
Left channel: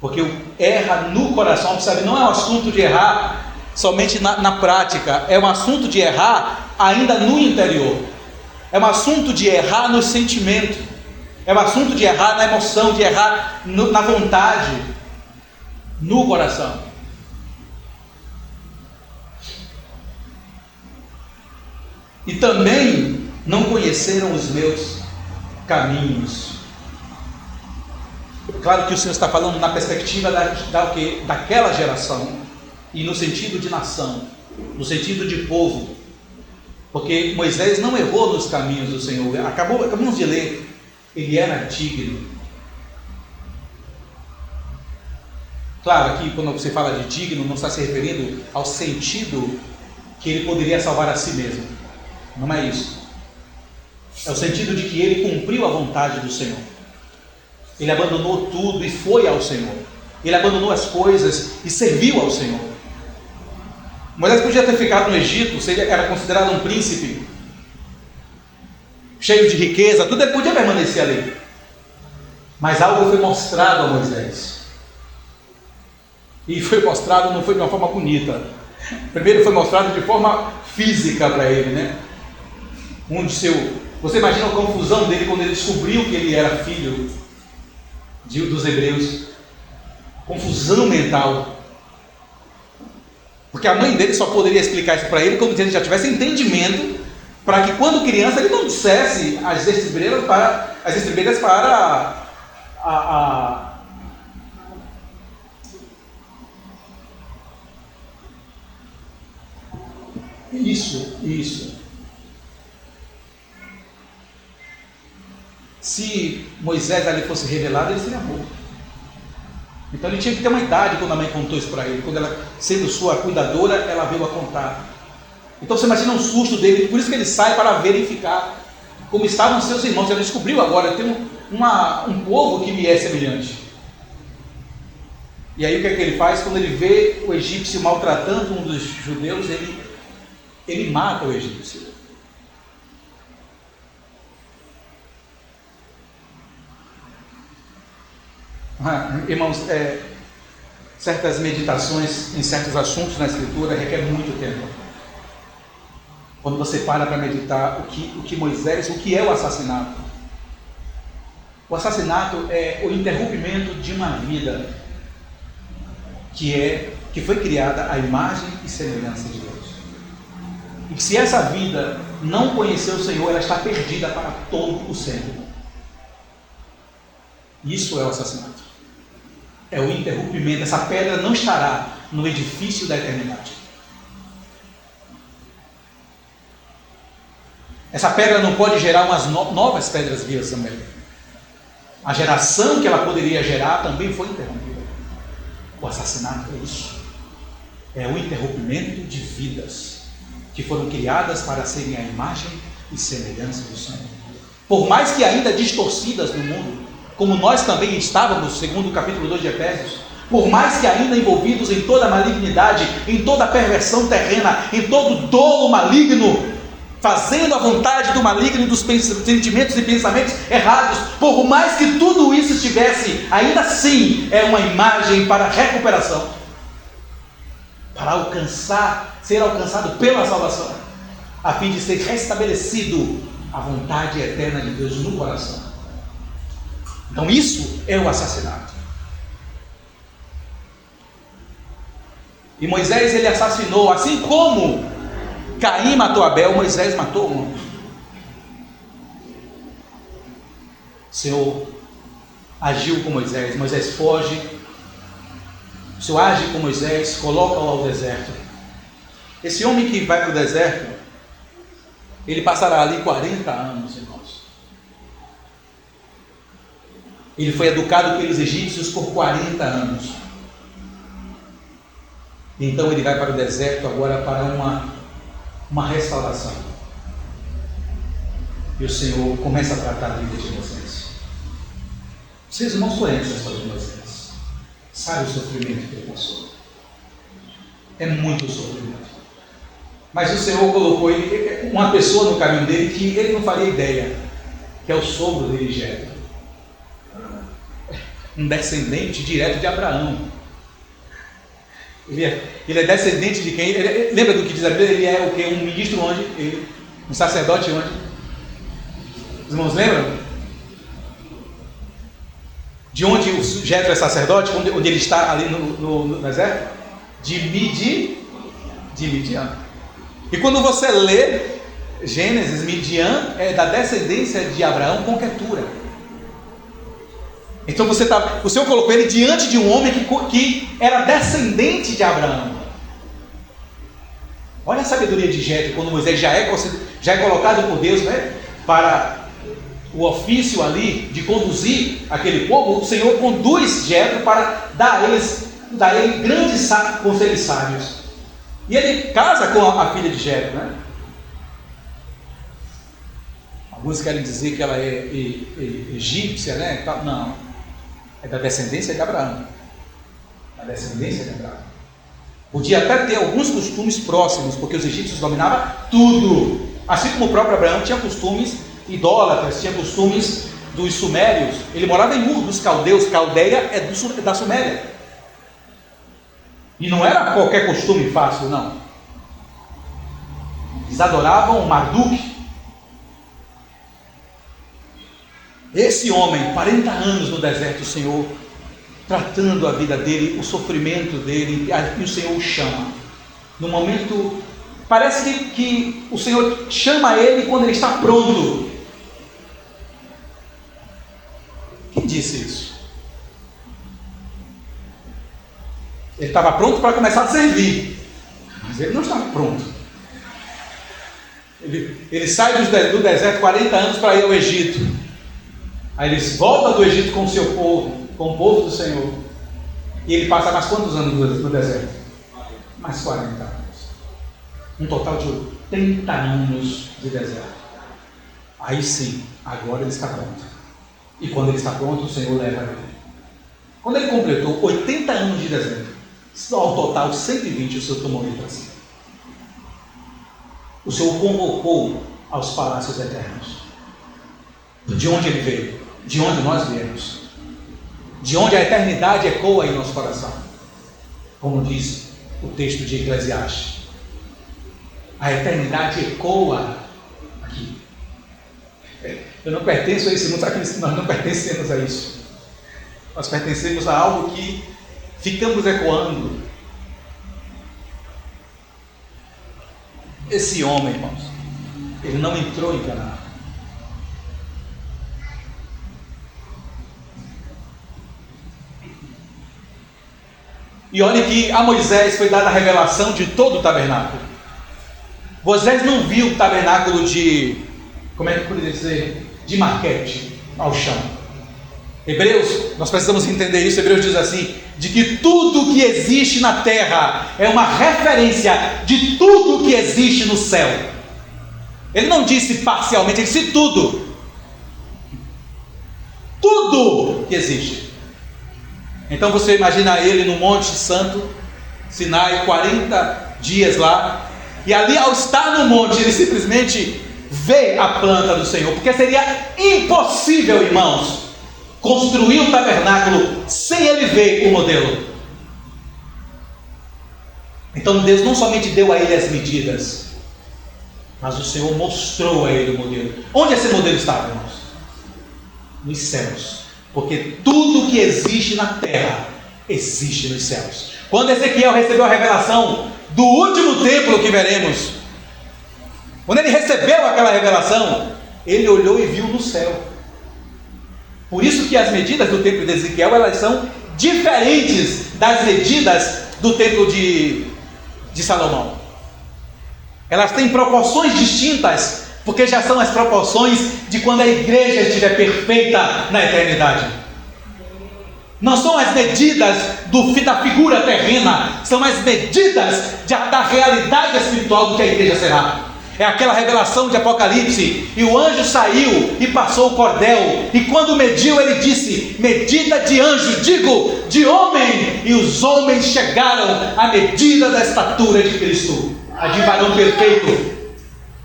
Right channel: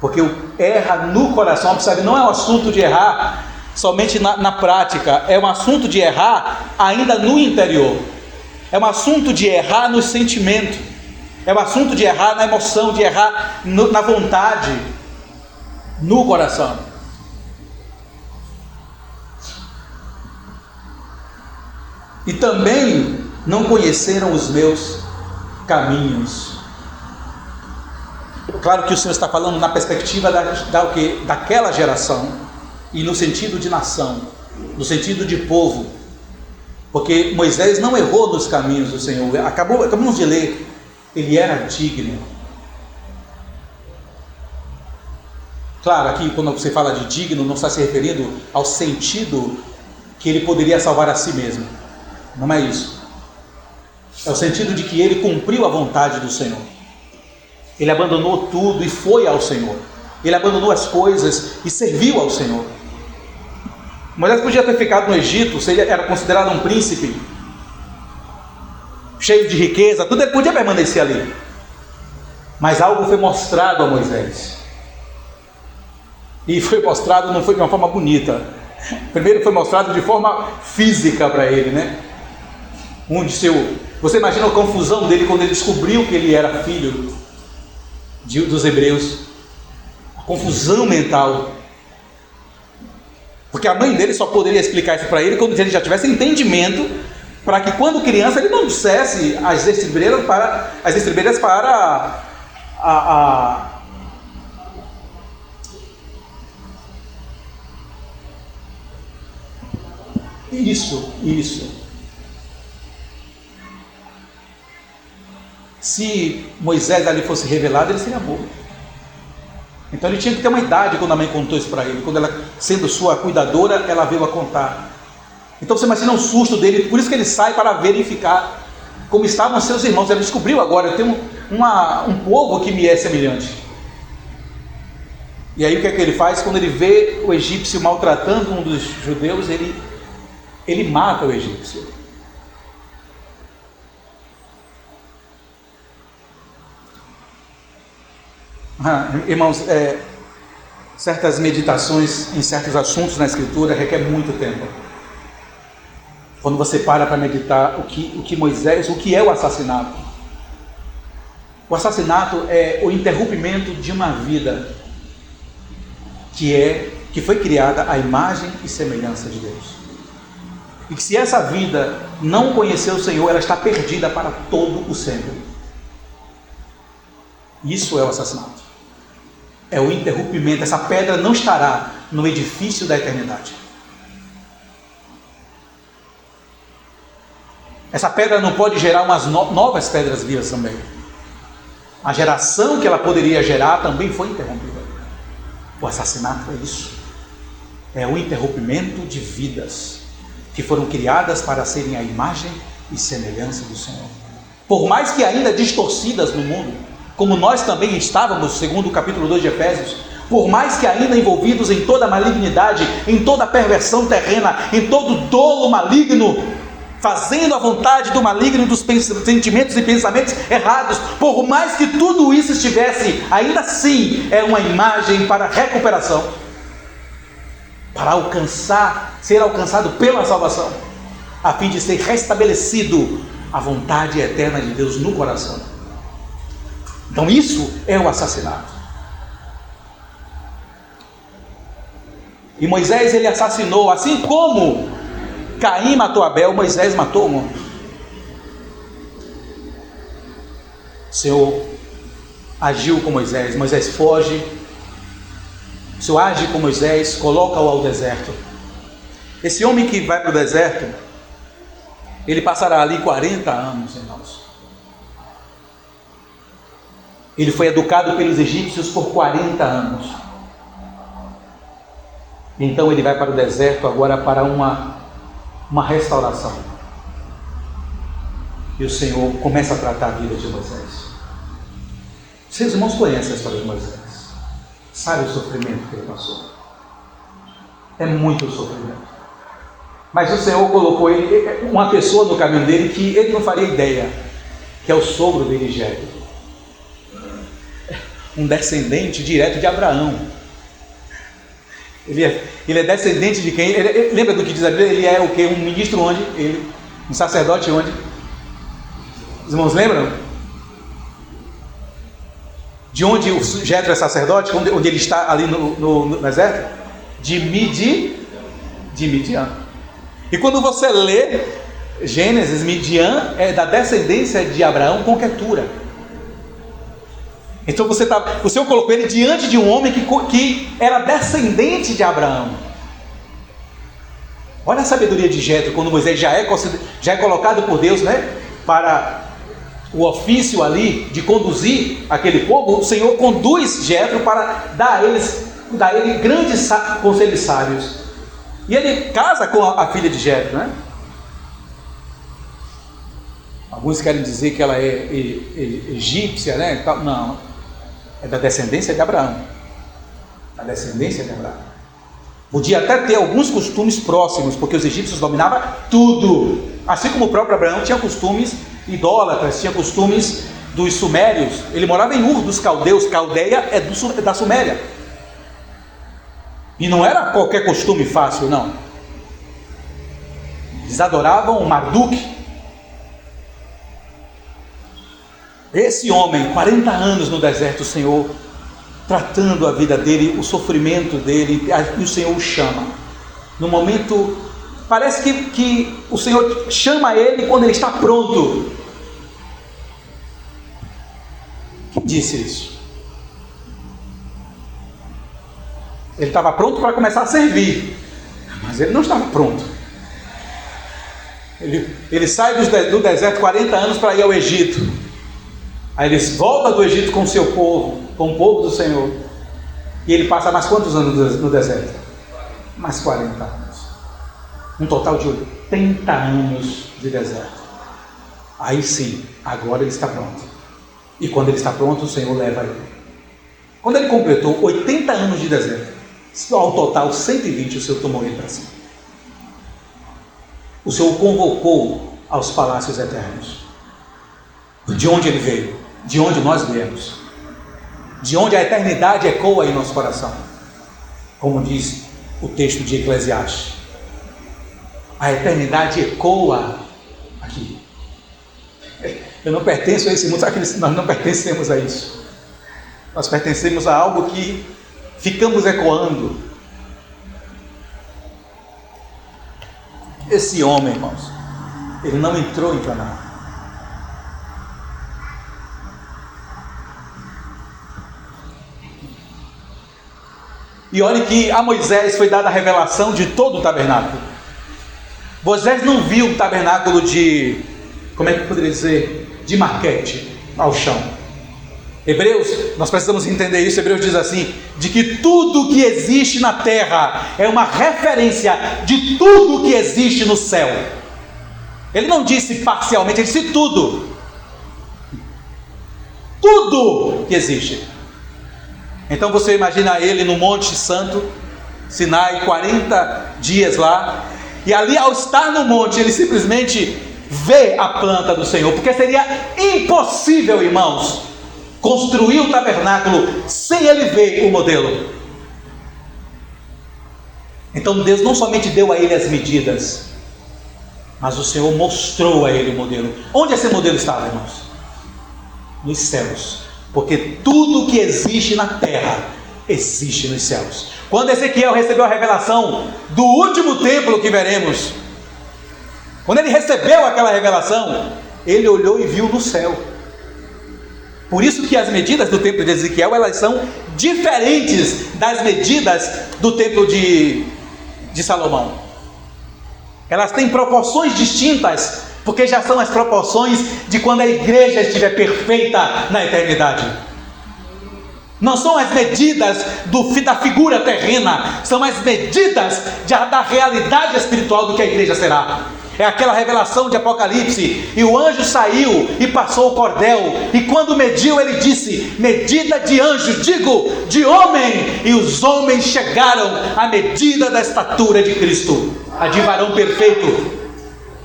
Porque erra no coração, percebe? Não é um assunto de errar somente na prática, é um assunto de errar ainda no interior, é um assunto de errar no sentimento, é um assunto de errar na emoção, de errar na vontade, no coração. E também não conheceram os meus caminhos. Claro que o Senhor está falando na perspectiva daquela geração, e no sentido de nação, no sentido de povo, porque Moisés não errou nos caminhos do Senhor. Acabamos de ler, ele era digno. Claro, aqui quando você fala de digno, não está se referindo ao sentido que ele poderia salvar a si mesmo, não é isso. É o sentido de que ele cumpriu a vontade do Senhor. Ele abandonou tudo e foi ao Senhor. Ele abandonou as coisas e serviu ao Senhor. Moisés podia ter ficado no Egito, se ele era considerado um príncipe, cheio de riqueza, tudo, ele podia permanecer ali. Mas algo foi mostrado a Moisés. E foi mostrado, não foi de uma forma bonita. Primeiro foi mostrado de forma física para ele, né? Você imagina a confusão dele quando ele descobriu que ele era filho dos hebreus. A confusão mental. Porque a mãe dele só poderia explicar isso para ele quando ele já tivesse entendimento, para que quando criança ele não dissesse as estribeiras para Isso. Se Moisés ali fosse revelado, ele seria morto. Então ele tinha que ter uma idade quando a mãe contou isso para ele. Quando ela, sendo sua cuidadora, ela veio a contar. Então você imagina o susto dele. Por isso que ele sai para verificar como estavam seus irmãos. Ele descobriu agora, um povo que me é semelhante. E aí o que é que ele faz? Quando ele vê o egípcio maltratando um dos judeus, ele mata o egípcio. Irmãos, certas meditações em certos assuntos na Escritura requer muito tempo. Quando você para meditar o que é o assassinato. O assassinato é o interrompimento de uma vida que foi criada à imagem e semelhança de Deus. E que se essa vida não conhecer o Senhor, ela está perdida para todo o sempre. Isso é o assassinato. É o interrompimento. Essa pedra não estará no edifício da eternidade. Essa pedra não pode gerar umas novas pedras vivas também. A geração que ela poderia gerar também foi interrompida. O assassinato é isso. É o interrompimento de vidas que foram criadas para serem a imagem e semelhança do Senhor. Por mais que ainda distorcidas no mundo, como nós também estávamos, segundo o capítulo 2 de Efésios, por mais que ainda envolvidos em toda a malignidade, em toda a perversão terrena, em todo o dolo maligno, fazendo a vontade do maligno e dos sentimentos e pensamentos errados, por mais que tudo isso estivesse, ainda assim é uma imagem para a recuperação, para ser alcançado pela salvação, a fim de ser restabelecido a vontade eterna de Deus no coração. Então isso é o assassinato. E Moisés, ele assassinou, assim como Caim matou Abel, Moisés matou um homem. O Senhor agiu com Moisés, Moisés foge, o Senhor age com Moisés, coloca-o ao deserto. Esse homem que vai para o deserto, ele passará ali 40 anos, irmãos. Ele foi educado pelos egípcios por 40 anos. Então ele vai para o deserto agora para uma restauração. E o Senhor começa a tratar a vida de Moisés. Vocês irmãos conhecem a história de Moisés. Sabe o sofrimento que ele passou. É muito sofrimento. Mas o Senhor colocou ele, uma pessoa no caminho dele que ele não faria ideia, que é o sogro dele, Jetro. Um descendente direto de Abraão. Ele é descendente de quem? Lembra do que diz a Bíblia? Ele é o quê? Um ministro onde? Um sacerdote onde? Os irmãos lembram? De onde o Jetro é sacerdote? Onde ele está ali no deserto? De Midian. E quando você lê Gênesis, Midian é da descendência de Abraão com Quetura. Então o Senhor colocou ele diante de um homem que era descendente de Abraão. Olha a sabedoria de Jetro, quando Moisés já é colocado por Deus, né, para o ofício ali de conduzir aquele povo. O Senhor conduz Jetro para dar a ele grandes conselhos sábios. E ele casa com a filha de Jetro, né? Alguns querem dizer que ela é egípcia, né? Não, é da descendência de Abraão. Da descendência de Abraão. Podia até ter alguns costumes próximos, porque os egípcios dominavam tudo. Assim como o próprio Abraão tinha costumes idólatras, tinha costumes dos sumérios. Ele morava em Ur dos caldeus. Caldeia é da Suméria. E não era qualquer costume fácil, não. Eles adoravam o Marduk. Esse homem, 40 anos no deserto, o Senhor tratando a vida dele, o sofrimento dele, e o Senhor o chama. No momento, parece que o Senhor chama ele quando ele está pronto. Quem disse isso? Ele estava pronto para começar a servir, mas ele não estava pronto. Ele sai do deserto 40 anos para ir ao Egito. Aí ele volta do Egito com o seu povo, com o povo do Senhor. E ele passa mais quantos anos no deserto? Mais 40 anos. Um total de 80 anos de deserto. Aí sim, agora ele está pronto. E quando ele está pronto, o Senhor leva ele. Quando ele completou 80 anos de deserto, ao total 120, o Senhor tomou ele para si. O Senhor o convocou aos palácios eternos. De onde ele veio, de onde nós viemos, de onde a eternidade ecoa em nosso coração. Como diz o texto de Eclesiastes, a eternidade ecoa aqui. Eu não pertenço a esse mundo, sabe que nós não pertencemos a isso. Nós pertencemos a algo que ficamos ecoando. Esse homem, irmãos, ele não entrou em Canaã. E olha que a Moisés foi dada a revelação de todo o tabernáculo. Moisés não viu o tabernáculo como é que eu poderia dizer? De maquete ao chão. Hebreus, nós precisamos entender isso. Hebreus diz assim, de que tudo que existe na terra é uma referência de tudo que existe no céu. Ele não disse parcialmente, ele disse tudo. Tudo que existe. Então você imagina ele no Monte Santo, Sinai, 40 dias lá, e ali ao estar no monte, ele simplesmente vê a planta do Senhor, porque seria impossível, irmãos, construir um tabernáculo sem ele ver o modelo. Então Deus não somente deu a ele as medidas, mas o Senhor mostrou a ele o modelo. Onde esse modelo estava, irmãos? Nos céus. Porque tudo que existe na terra existe nos céus. Quando Ezequiel recebeu a revelação do último templo que veremos, quando ele recebeu aquela revelação, ele olhou e viu no céu. Por isso que as medidas do templo de Ezequiel, elas são diferentes das medidas do templo de Salomão. Elas têm proporções distintas, porque já são as proporções de quando a igreja estiver perfeita na eternidade. Não são as medidas da figura terrena, são as medidas da realidade espiritual do que a igreja será. É aquela revelação de Apocalipse, e o anjo saiu e passou o cordel, e quando mediu ele disse, medida de anjo, digo, de homem, e os homens chegaram à medida da estatura de Cristo, a de varão perfeito.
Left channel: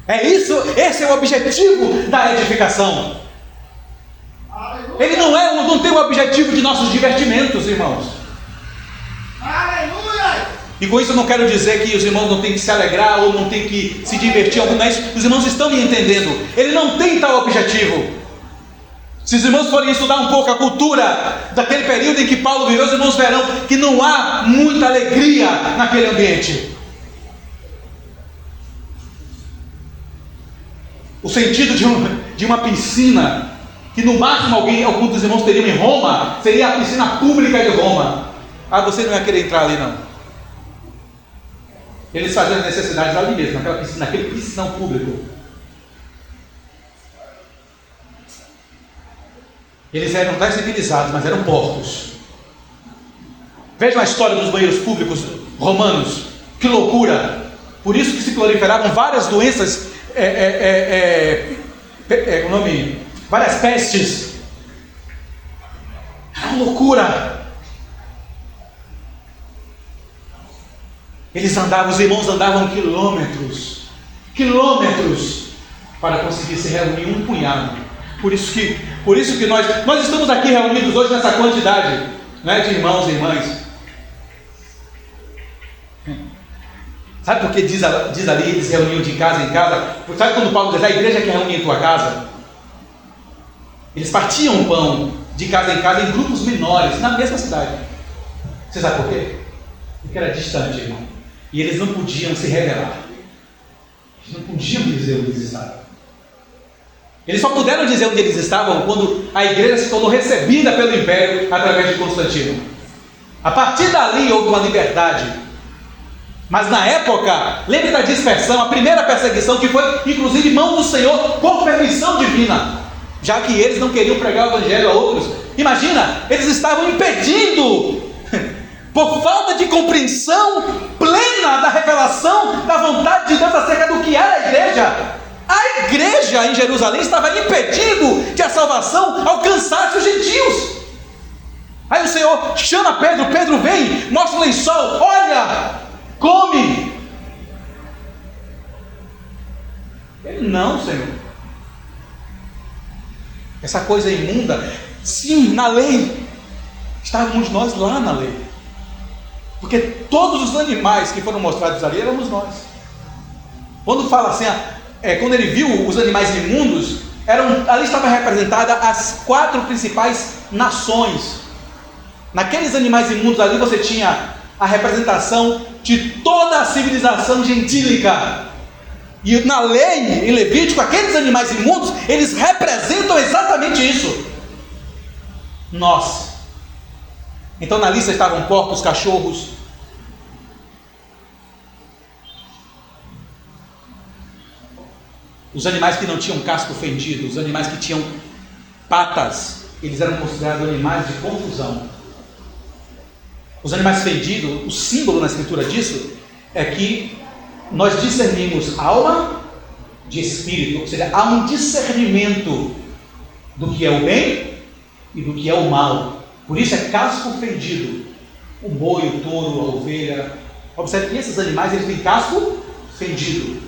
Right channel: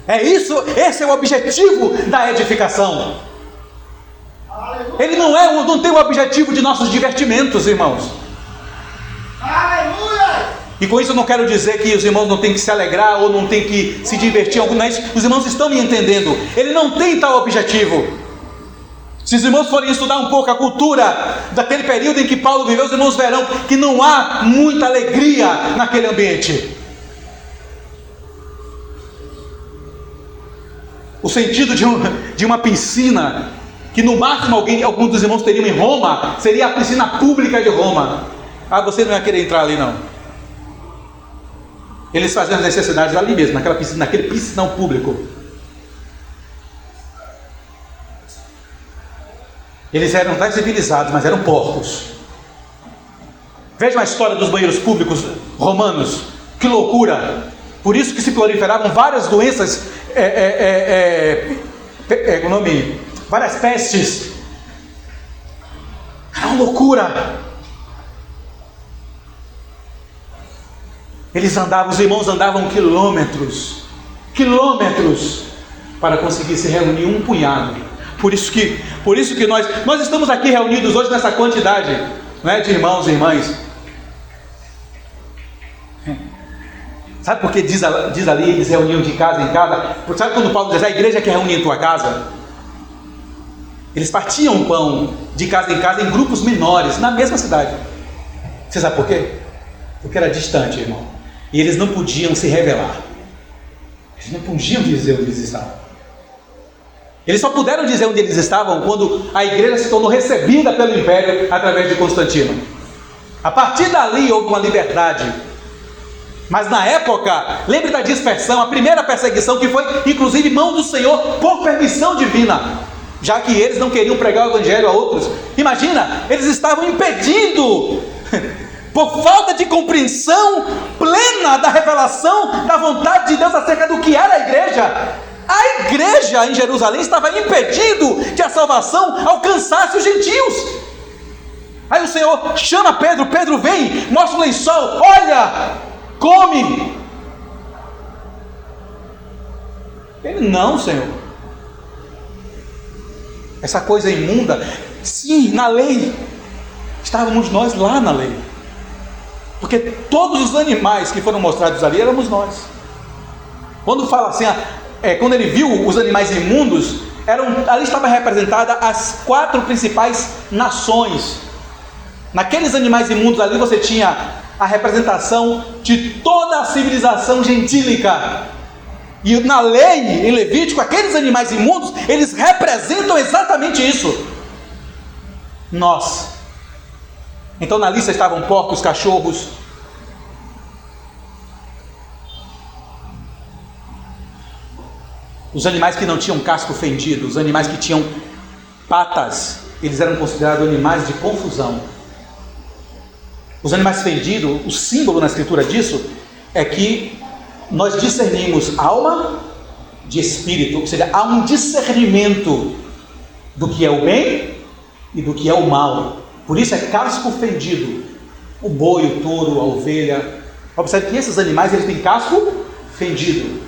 É isso, esse é o objetivo da edificação. Ele não tem o objetivo de nossos divertimentos, irmãos. Aleluia! E com isso eu não quero dizer que os irmãos não têm que se alegrar ou não têm que se divertir, não é isso. Os irmãos estão me entendendo. Ele não tem tal objetivo. Se os irmãos forem estudar um pouco a cultura daquele período em que Paulo viveu, os irmãos verão que não há muita alegria naquele ambiente. O sentido de uma piscina, que no máximo alguns dos irmãos teriam em Roma, seria a piscina pública de Roma. Ah, você não ia querer entrar ali não. Eles faziam as necessidades ali mesmo, naquele piscinão público. Eles eram até civilizados, mas eram porcos. Vejam a história dos banheiros públicos romanos. Que loucura! Por isso que se proliferavam várias doenças, várias pestes. Era uma loucura. Os irmãos andavam quilômetros para conseguir se reunir um punhado. Por isso que nós estamos aqui reunidos hoje nessa quantidade, não é, de irmãos e irmãs. Sabe por que diz ali, eles reuniam de casa em casa? Sabe quando Paulo diz, a igreja que reúne em tua casa? Eles partiam o pão de casa em casa em grupos menores, na mesma cidade. Você sabe por quê? Porque era distante, irmão. E eles não podiam se revelar. Eles não podiam dizer onde eles estavam. Eles só puderam dizer onde eles estavam quando a igreja se tornou recebida pelo império através de Constantino. A partir dali houve uma liberdade. Mas na época, lembre da dispersão, a primeira perseguição que foi inclusive mão do Senhor por permissão divina, já que eles não queriam pregar o evangelho a outros. Imagina, eles estavam impedindo, por falta de compreensão plena da revelação da vontade de Deus acerca do que era a igreja. A igreja em Jerusalém estava impedindo que a salvação alcançasse os gentios. Aí o Senhor chama Pedro, Pedro vem, mostra o lençol, olha, come. Ele, não, Senhor, essa coisa é imunda. Sim, na lei, estávamos nós lá na lei, porque todos os animais que foram mostrados ali éramos nós. Quando fala assim, quando ele viu os animais imundos, ali estava representada as 4 principais nações. Naqueles animais imundos ali você tinha a representação de toda a civilização gentílica. E na lei, em Levítico, aqueles animais imundos, eles representam exatamente isso. Nós. Então na lista estavam porcos, cachorros, os animais que não tinham casco fendido, os animais que tinham patas, eles eram considerados animais de confusão. Os animais fendidos, o símbolo na escritura disso é que nós discernimos alma de espírito, ou seja, há um discernimento do que é o bem e do que é o mal. Por isso é casco fendido. O boi, o touro, a ovelha. Observe que esses animais eles têm casco fendido.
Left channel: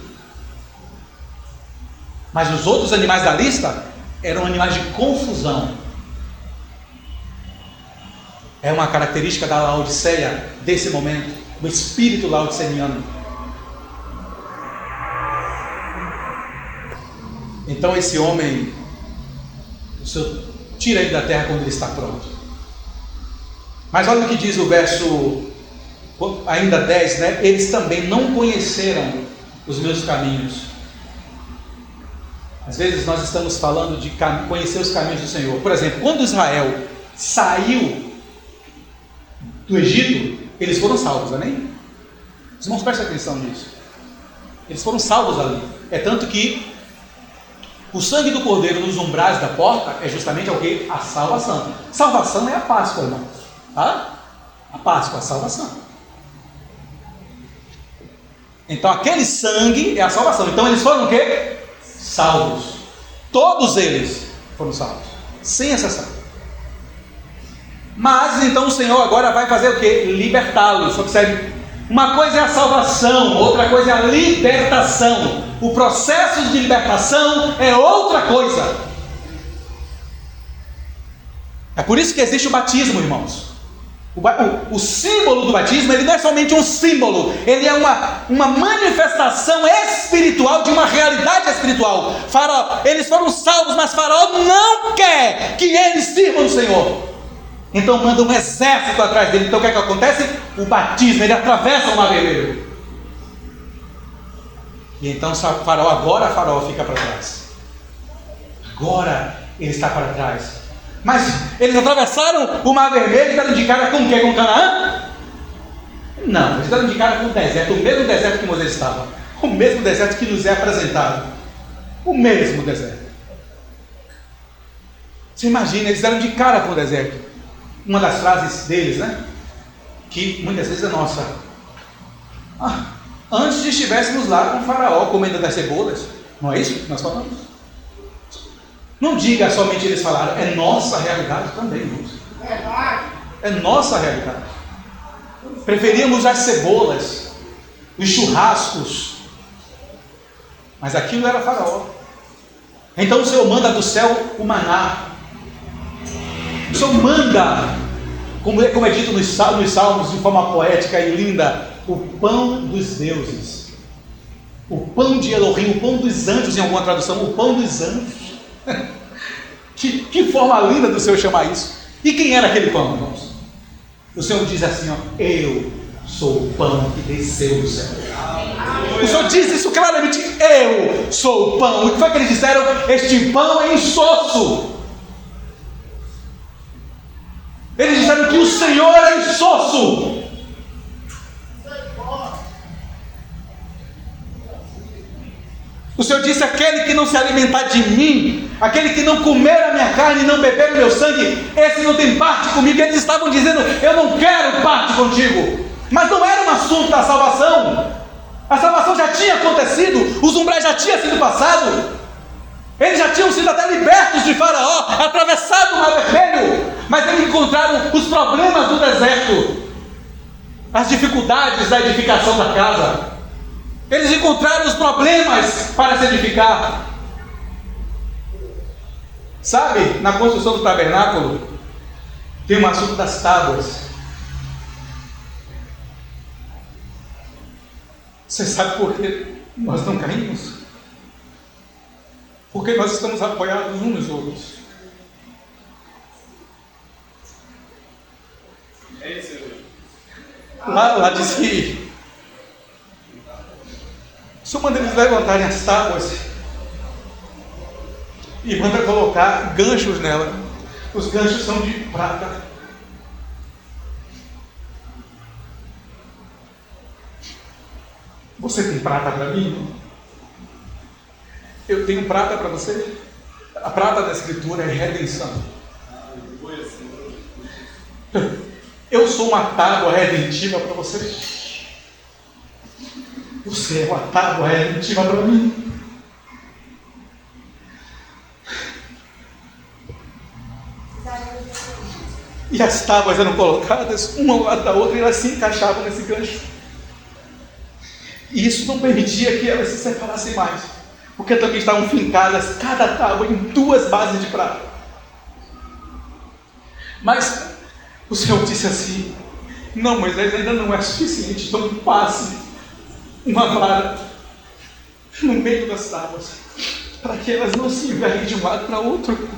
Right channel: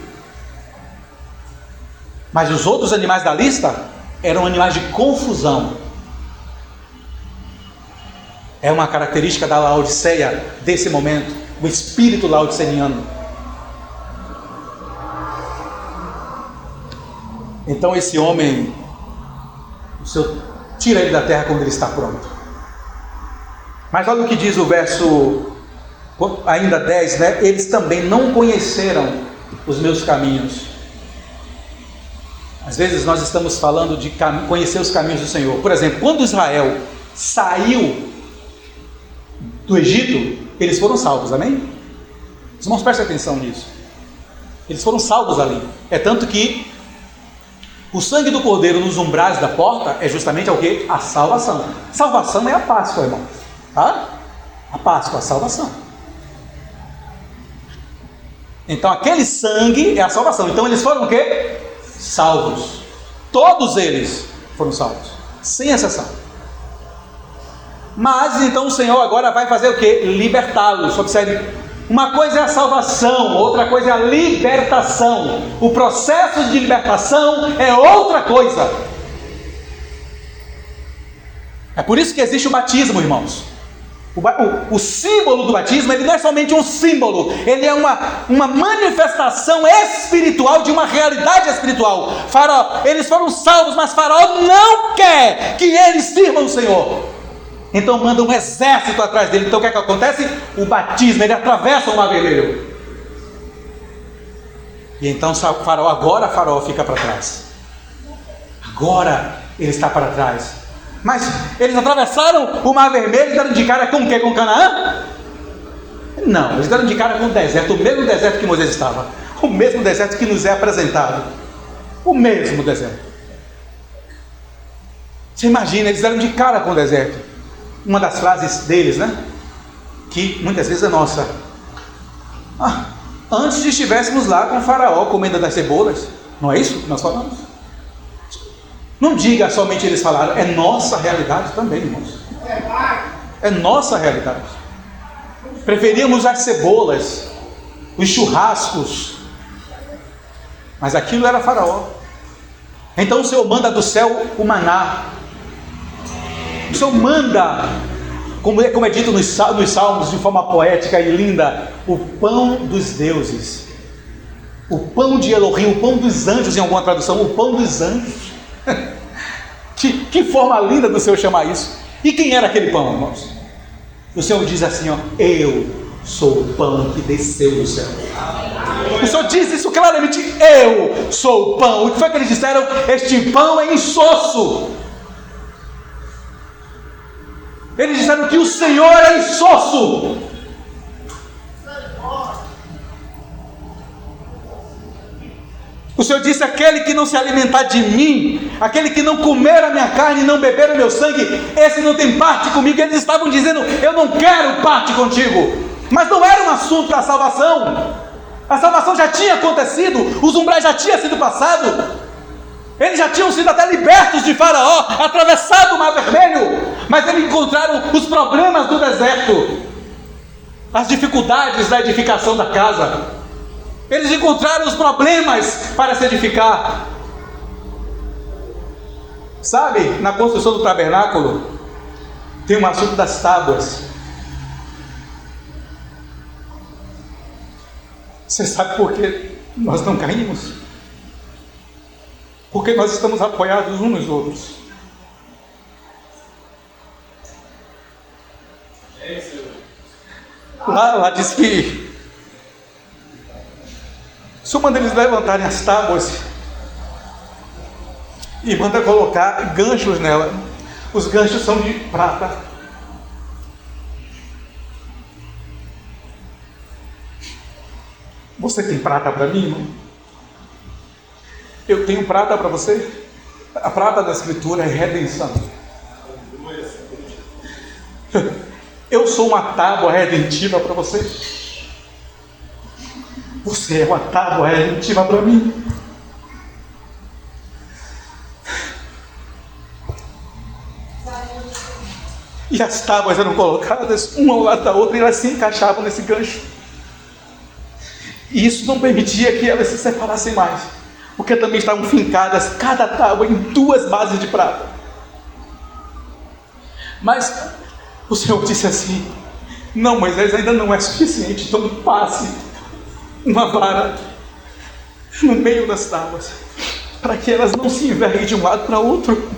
Mas os outros animais da lista eram animais de confusão. É uma característica da Laodiceia desse momento, o espírito laodiceano. Então esse homem, o Senhor tira ele da terra quando ele está pronto. Mas olha o que diz o verso ainda 10, né? Eles também não conheceram os meus caminhos. Às vezes nós estamos falando de conhecer os caminhos do Senhor. Por exemplo, quando Israel saiu do Egito, eles foram salvos, amém? Os irmãos, prestem atenção nisso. Eles foram salvos ali. É tanto que o sangue do cordeiro nos umbrais da porta é justamente o que? A salvação. Salvação é a Páscoa, irmão. Tá? A Páscoa, a salvação. Então aquele sangue é a salvação. Então eles foram o quê? Salvos. Todos eles foram salvos, sem exceção. Mas então o Senhor agora vai fazer o quê? Libertá-los. Observe, uma coisa é a salvação, outra coisa é a libertação. O processo de libertação é outra coisa. É por isso que existe o batismo, irmãos. O símbolo do batismo, ele não é somente um símbolo, ele é uma manifestação espiritual de uma realidade espiritual. Faraó, eles foram salvos, mas Faraó não quer que eles sirvam o Senhor. Então manda um exército atrás dele. Então o que é que acontece? O batismo, ele atravessa o mar vermelho. E então Faraó fica para trás. Agora ele está para trás. Mas eles atravessaram o mar vermelho e deram de cara com o quê? Com Canaã? Não, eles deram de cara com o deserto. O mesmo deserto que Moisés estava. O mesmo deserto que nos é apresentado. O mesmo deserto. Você imagina, eles deram de cara com o deserto. Uma das frases deles, né? Que muitas vezes é nossa. Antes estivéssemos lá com o Faraó comendo das cebolas. Não é isso que nós falamos? Não diga somente eles falaram. É nossa realidade também, irmãos. É nossa realidade. Preferíamos as cebolas, os churrascos. Mas aquilo era Faraó. Então o Senhor manda do céu o maná. O Senhor manda, como é dito nos salmos de forma poética e linda, o pão dos deuses, o pão de Elohim, o pão dos anjos, em alguma tradução, o pão dos anjos. que forma linda do Senhor chamar isso. E quem era aquele pão, irmãos? O Senhor diz assim, eu sou o pão que desceu do céu. O Senhor diz isso claramente, eu sou o pão. O que foi que eles disseram? Este pão é insosso. Eles disseram que o Senhor é insosso. O Senhor disse, aquele que não se alimentar de mim, aquele que não comer a minha carne e não beber o meu sangue, esse não tem parte comigo. Eles estavam dizendo, eu não quero parte contigo. Mas não era um assunto da salvação. A salvação já tinha acontecido, os umbrais já tinham sido passados, eles já tinham sido até libertos de Faraó, atravessado o Mar Vermelho, mas eles encontraram os problemas do deserto, as dificuldades da edificação da casa. Eles encontraram os problemas para se edificar. Sabe, na construção do tabernáculo tem um assunto das tábuas. Você sabe por que nós não caímos? Porque nós estamos apoiados uns nos outros. Lá diz que se manda eles levantarem as tábuas e manda colocar ganchos nela. Os ganchos são de prata. Você tem prata para mim? Eu tenho prata para você? A prata da Escritura é redenção. Eu sou uma tábua redentiva para você. Você é uma tábua redentiva para mim. E as tábuas eram colocadas uma ao lado da outra e elas se encaixavam nesse gancho. E isso não permitia que elas se separassem mais, porque também estavam fincadas cada tábua em 2 bases de prata. Mas o Senhor disse assim: não, Moisés, ainda não é suficiente, então passe uma vara no meio das tábuas, para que elas não se enverguem de um lado para outro.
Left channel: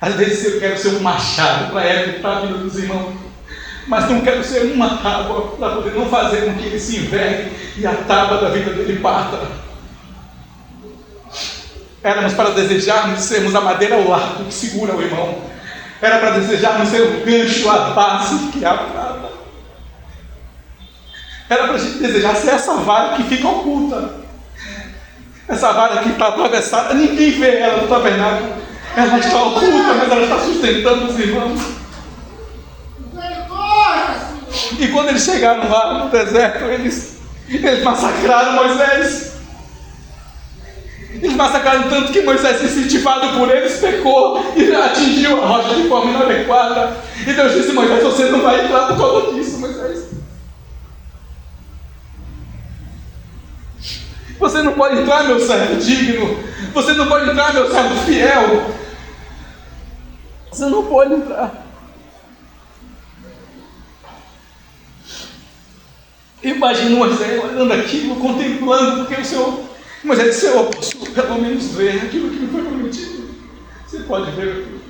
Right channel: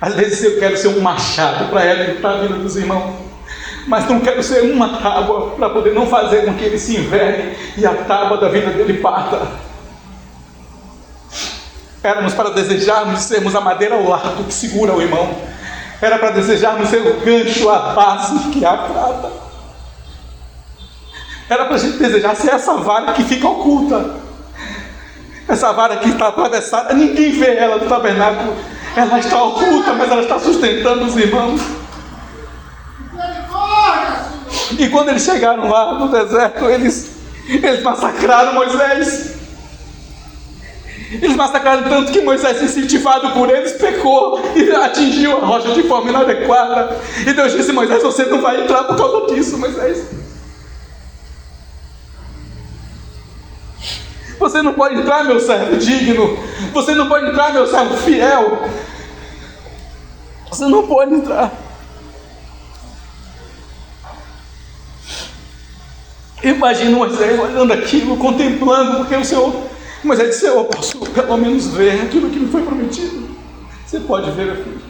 Às vezes eu quero ser um machado para evitar a vida dos irmãos, mas não quero ser uma tábua para poder não fazer com que ele se envergue e a tábua da vida dele parta. Éramos para desejarmos sermos a madeira ao lado que segura o irmão. Era para desejarmos ser o gancho, a base que é a prata. Era para a gente desejar ser essa vara que fica oculta. Essa vara que está atravessada, ninguém vê ela no tabernáculo. Ela está oculta, mas ela está sustentando os irmãos. E quando eles chegaram lá no deserto, eles massacraram Moisés. Eles massacraram tanto que Moisés, incentivado por eles, pecou e atingiu a rocha de forma inadequada. E Deus disse: Moisés, você não vai entrar por causa disso, Moisés. Você não pode entrar, meu servo digno. Você não pode entrar, meu servo fiel. Você não pode entrar. Imagina Moisés olhando aquilo, contemplando, porque o Senhor, Moisés disse: eu posso pelo menos ver aquilo que me foi prometido. Você pode ver, filho.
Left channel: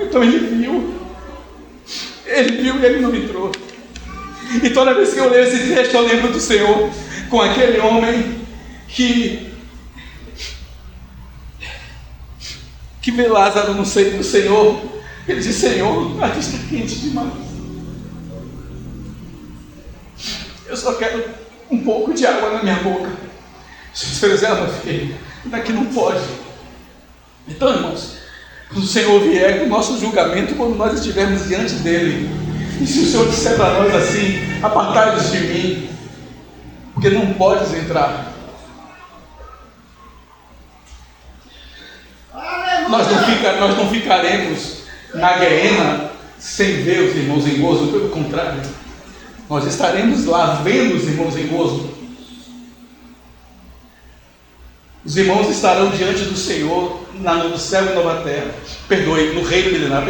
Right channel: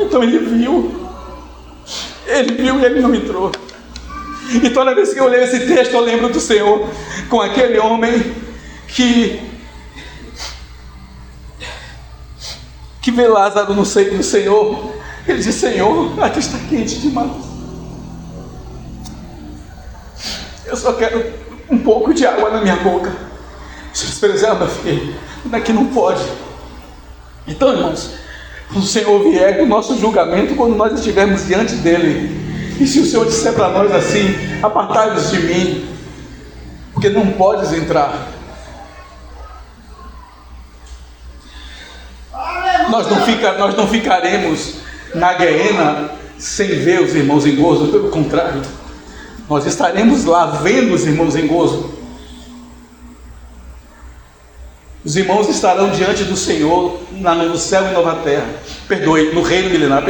Então ele viu e ele não entrou. E toda vez que eu leio esse texto, eu lembro do Senhor com aquele homem que vê Lázaro no seio do Senhor. Ele diz: Senhor, aqui está quente demais. Eu só quero um pouco de água na minha boca. Jesus fez: meu filho, daqui não pode. Então, irmãos, quando o Senhor vier, o nosso julgamento, quando nós estivermos diante dele, e se o Senhor disser para nós assim: apartai-vos de mim, porque não podes entrar. Nós não ficaremos na guerra sem ver os irmãos em gozo, pelo contrário, nós estaremos lá vendo os irmãos em gozo. Os irmãos estarão diante do Senhor no céu e nova terra, no reino milenar,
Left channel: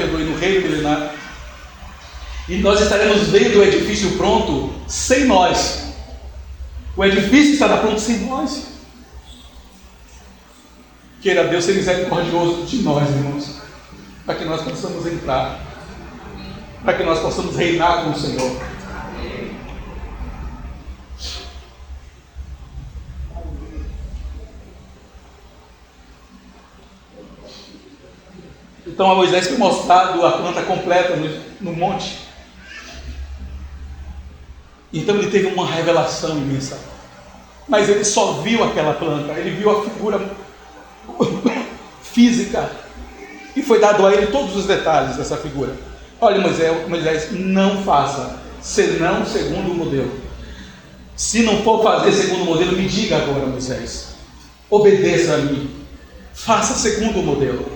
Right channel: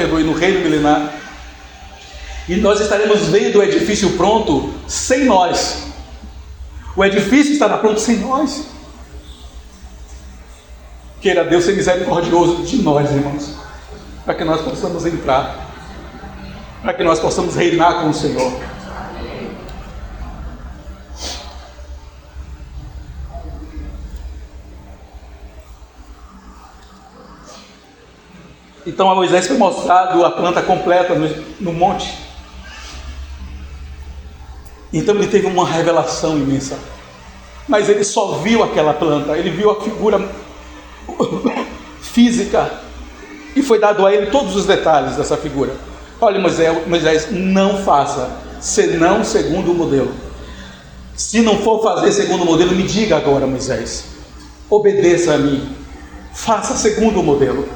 e nós estaremos vendo o edifício pronto sem nós. O edifício estará pronto sem nós. Queira Deus ser misericordioso de nós, irmãos, para que nós possamos entrar, para que nós possamos reinar com o Senhor. Então a Moisés foi mostrado a planta completa no monte. Então ele teve uma revelação imensa. Mas ele só viu aquela planta, ele viu a figura física, e foi dado a ele todos os detalhes dessa figura. Olha, Moisés, não faça senão segundo o modelo. Se não for fazer segundo o modelo, me diga agora, Moisés. Obedeça a mim. Faça segundo o modelo.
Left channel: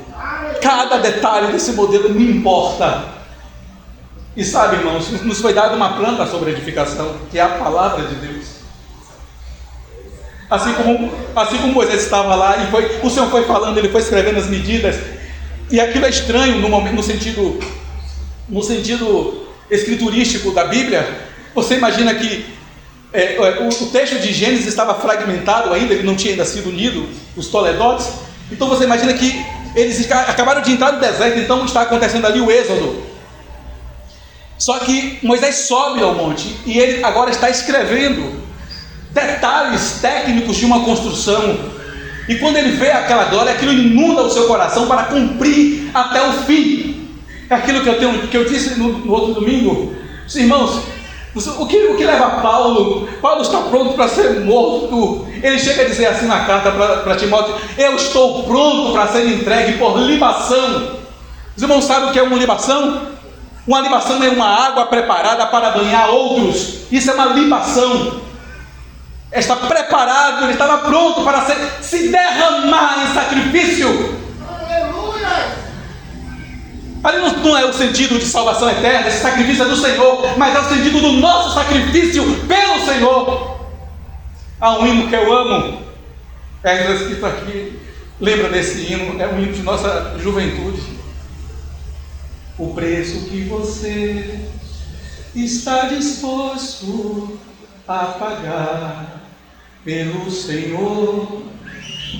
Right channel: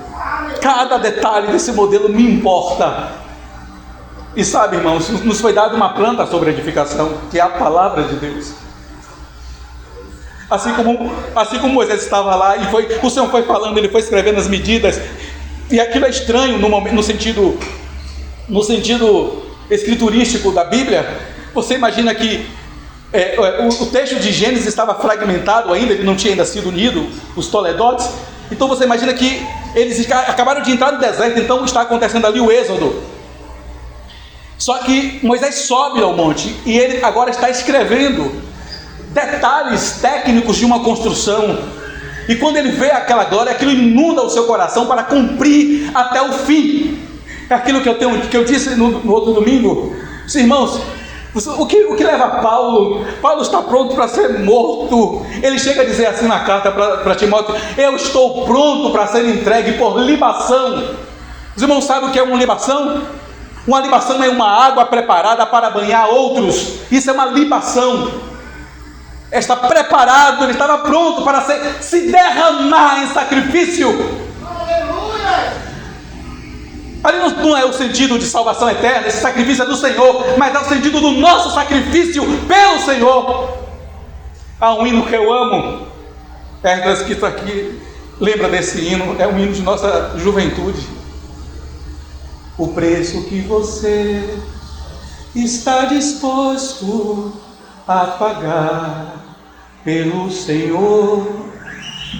Cada detalhe desse modelo me importa. E sabe, irmãos, nos foi dada uma planta sobre a edificação, que é a palavra de Deus. Assim como Moisés estava lá e o Senhor foi falando, ele foi escrevendo as medidas, e aquilo é estranho no sentido escriturístico da Bíblia. Você imagina que o texto de Gênesis estava fragmentado ainda, ele não tinha ainda sido unido, os toledotes. Então você imagina que eles acabaram de entrar no deserto, então está acontecendo ali o êxodo. Só que Moisés sobe ao monte e ele agora está escrevendo detalhes técnicos de uma construção. E quando ele vê aquela glória, aquilo inunda o seu coração para cumprir até o fim. É aquilo que eu disse no outro domingo. Irmãos, o que leva Paulo? Paulo está pronto para ser morto. Ele chega a dizer assim na carta para Timóteo: eu estou pronto para ser entregue por libação. Os irmãos sabem o que é uma libação? Uma libação é uma água preparada para banhar outros. Isso é uma libação. Está preparado, ele estava pronto para se derramar em sacrifício. Aleluia! Ali não é o sentido de salvação eterna, esse sacrifício é do Senhor, mas é o sentido do nosso sacrifício pelo Senhor. Há um hino que eu amo, está escrito aqui, lembra desse hino, é um hino de nossa juventude. O preço que você está disposto a pagar pelo Senhor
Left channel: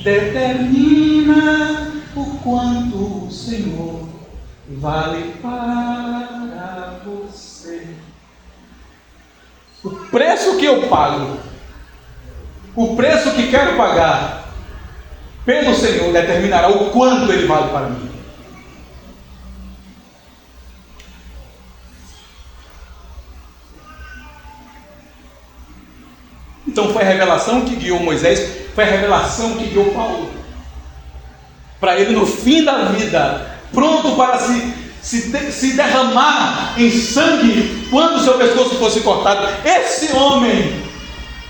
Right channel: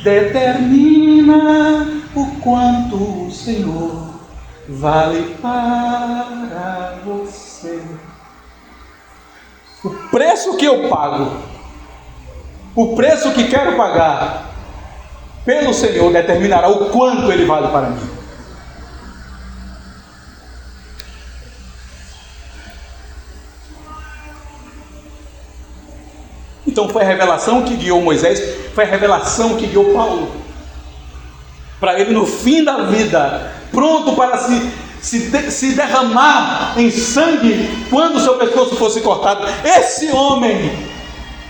determina o quanto o Senhor vale para você. O preço que eu pago, o preço que quero pagar pelo Senhor determinará o quanto Ele vale para mim. Então foi a revelação que guiou Moisés, foi a revelação que guiou Paulo, para ele no fim da vida, pronto para se derramar em sangue, quando o seu pescoço fosse cortado. Esse homem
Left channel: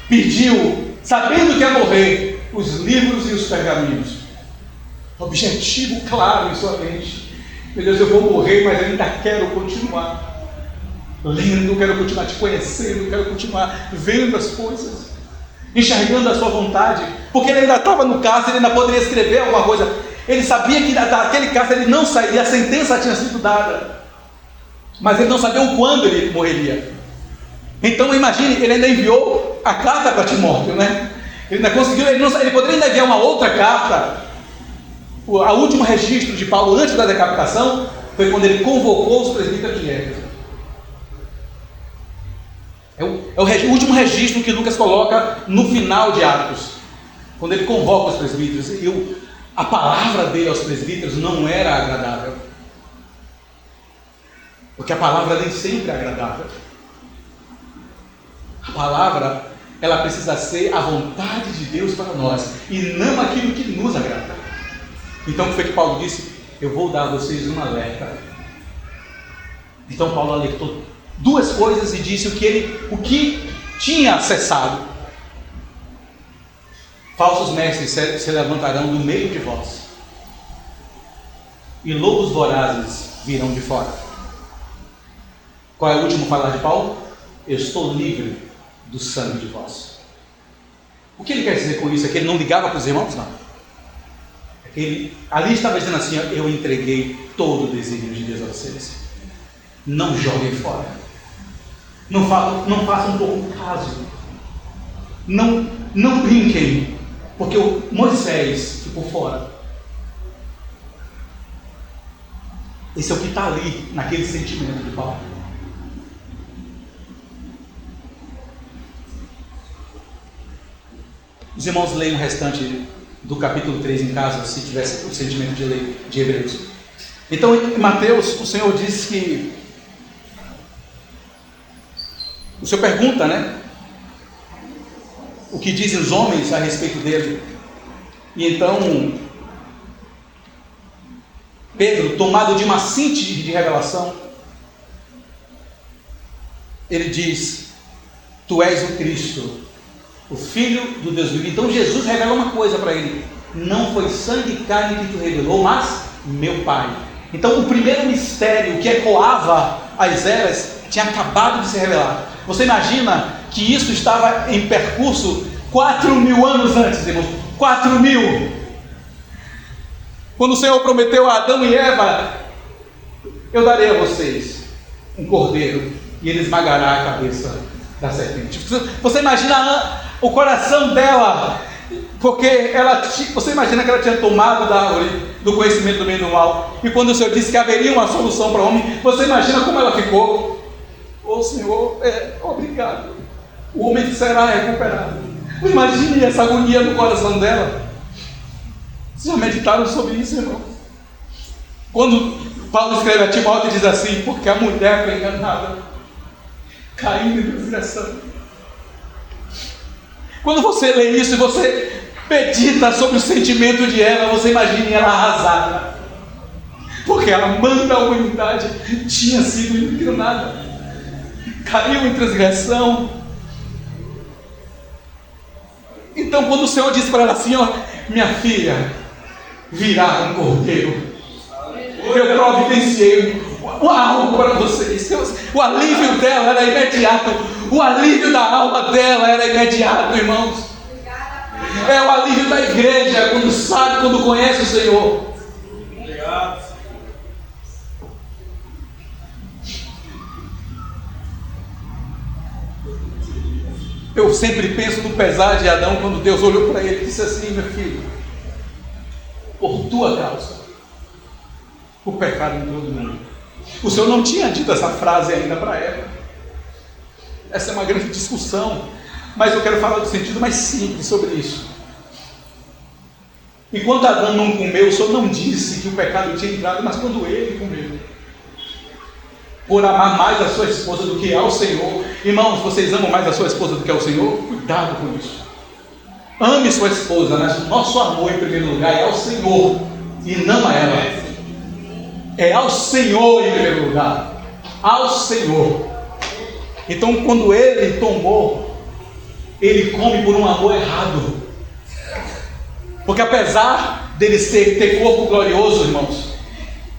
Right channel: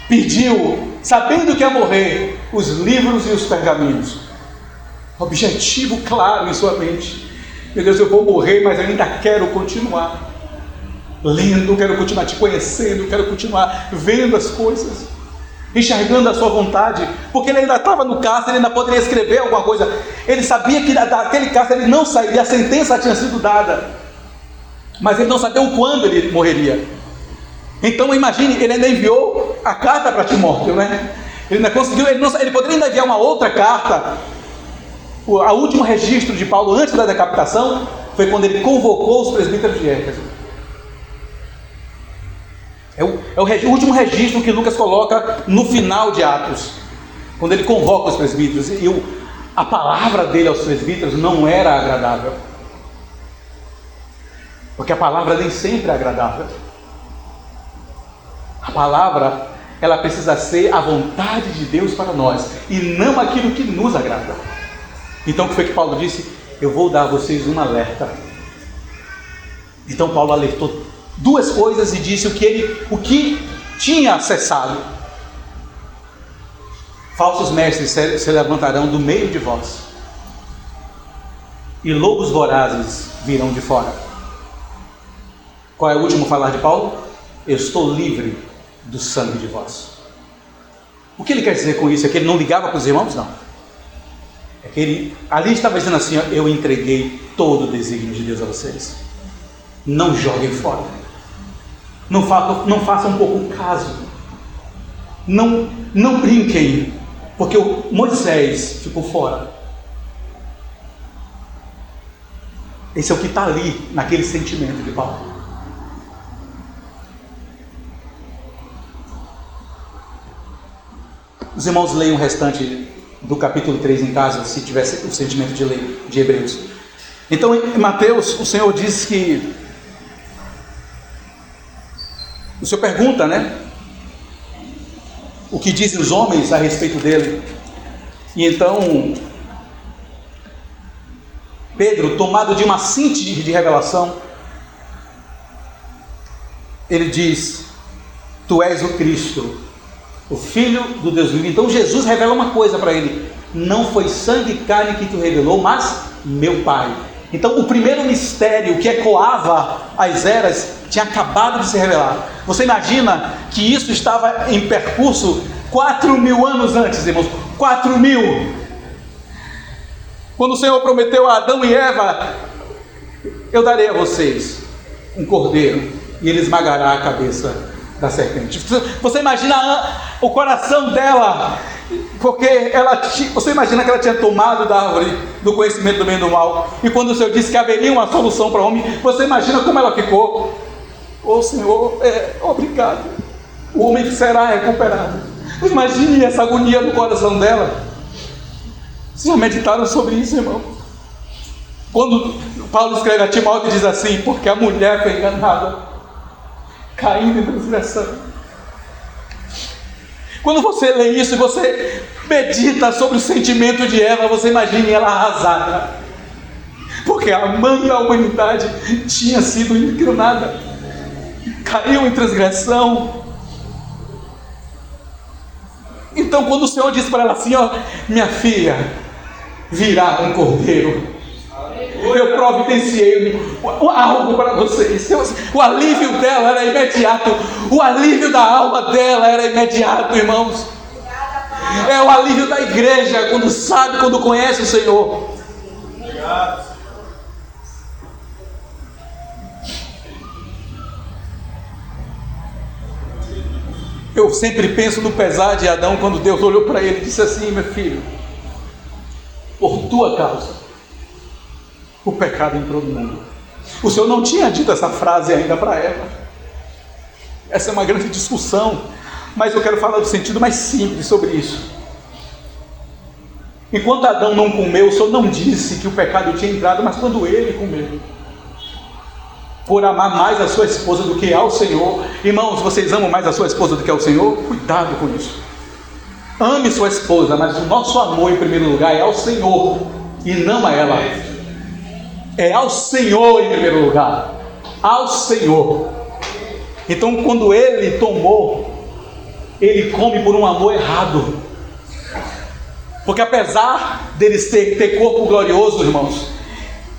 pediu, sabendo que ia morrer, os livros e os pergaminhos. Objetivo claro em sua mente: meu Deus, eu vou morrer, mas eu ainda quero continuar lendo, quero continuar te conhecendo, quero continuar vendo as coisas, enxergando a sua vontade, porque ele ainda estava no cárcere, ele ainda poderia escrever alguma coisa. Ele sabia que daquele cárcere ele não sairia, a sentença tinha sido dada, mas ele não sabia o quando ele morreria. Então imagine, ele ainda enviou a carta para Timóteo, né? Ele ainda conseguiu, ele poderia ainda enviar uma outra carta. O último registro de Paulo antes da decapitação foi quando ele convocou os presbíteros de Éfeso. É o último registro que Lucas coloca no final de Atos, quando ele convoca os presbíteros. E a palavra dele aos presbíteros não era agradável, porque a palavra nem sempre é agradável. A palavra, ela precisa ser a vontade de Deus para nós, e não aquilo que nos agrada. Então o que foi que Paulo disse? Eu vou dar a vocês um alerta. Então Paulo alertou duas coisas e disse o que tinha cessado. Falsos mestres se levantarão do meio de vós, e lobos vorazes virão de fora. Qual é o último falar de Paulo? Eu estou livre do sangue de vós. O que ele quer dizer com isso? É que ele não ligava para os irmãos? Não. É que ele ali estava dizendo assim: eu entreguei todo o desígnio de Deus a vocês. Não joguem fora. Não façam pouco caso. Não brinquem, porque o Moisés ficou fora. Esse é o que está ali, naquele sentimento de Paulo. Os irmãos leiam o restante do capítulo 3 em casa, se tivesse o sentimento de ler de Hebreus. Então, em Mateus, o Senhor diz que... O Senhor pergunta, né? O que dizem os homens a respeito dele. E então, Pedro, tomado de uma síntese de revelação, ele diz: tu és o Cristo, o Filho do Deus vivo. Então Jesus revela uma coisa para ele: não foi sangue e carne que tu revelou, mas meu Pai. Então o primeiro mistério que ecoava as eras tinha acabado de se revelar. Você imagina que isso estava em percurso 4.000 anos antes, irmãos. 4.000. Quando o Senhor prometeu a Adão e Eva: eu darei a vocês um cordeiro e ele esmagará a cabeça da serpente. Você imagina o coração dela, porque você imagina que ela tinha tomado da árvore do conhecimento do bem e do mal, e quando o Senhor disse que haveria uma solução para o homem, você imagina como ela ficou. Senhor, obrigado, o homem será recuperado. Imagine essa agonia no coração dela. Vocês já meditaram sobre isso, irmão? Quando Paulo escreve a Timóteo e diz assim: porque a mulher foi enganada, caindo em transgressão. Quando você lê isso e você medita sobre o sentimento de Eva, você imagina ela arrasada, porque a mãe da humanidade tinha sido inclinada, caiu em transgressão. Então quando o Senhor disse para ela assim: minha filha, virá um cordeiro, eu providenciei algo para vocês. O alívio dela era imediato. O alívio da alma dela era imediato, irmãos. É o alívio da igreja, quando conhece o Senhor. Eu sempre penso no pesar de Adão, quando Deus olhou para ele e disse assim: meu filho, por tua causa o pecado entrou no mundo. O Senhor não tinha dito essa frase ainda para Eva. Essa é uma grande discussão, mas eu quero falar do sentido mais simples sobre isso. Enquanto Adão não comeu, o Senhor não disse que o pecado tinha entrado, mas quando ele comeu, por amar mais a sua esposa do que ao Senhor. Irmãos, vocês amam mais a sua esposa do que ao Senhor? Cuidado com isso. Ame sua esposa, mas o nosso amor em primeiro lugar é ao Senhor e não a ela. É ao Senhor em primeiro lugar. Ao Senhor. Então quando ele tomou, ele come por um amor errado. Porque apesar dele ter corpo glorioso, irmãos,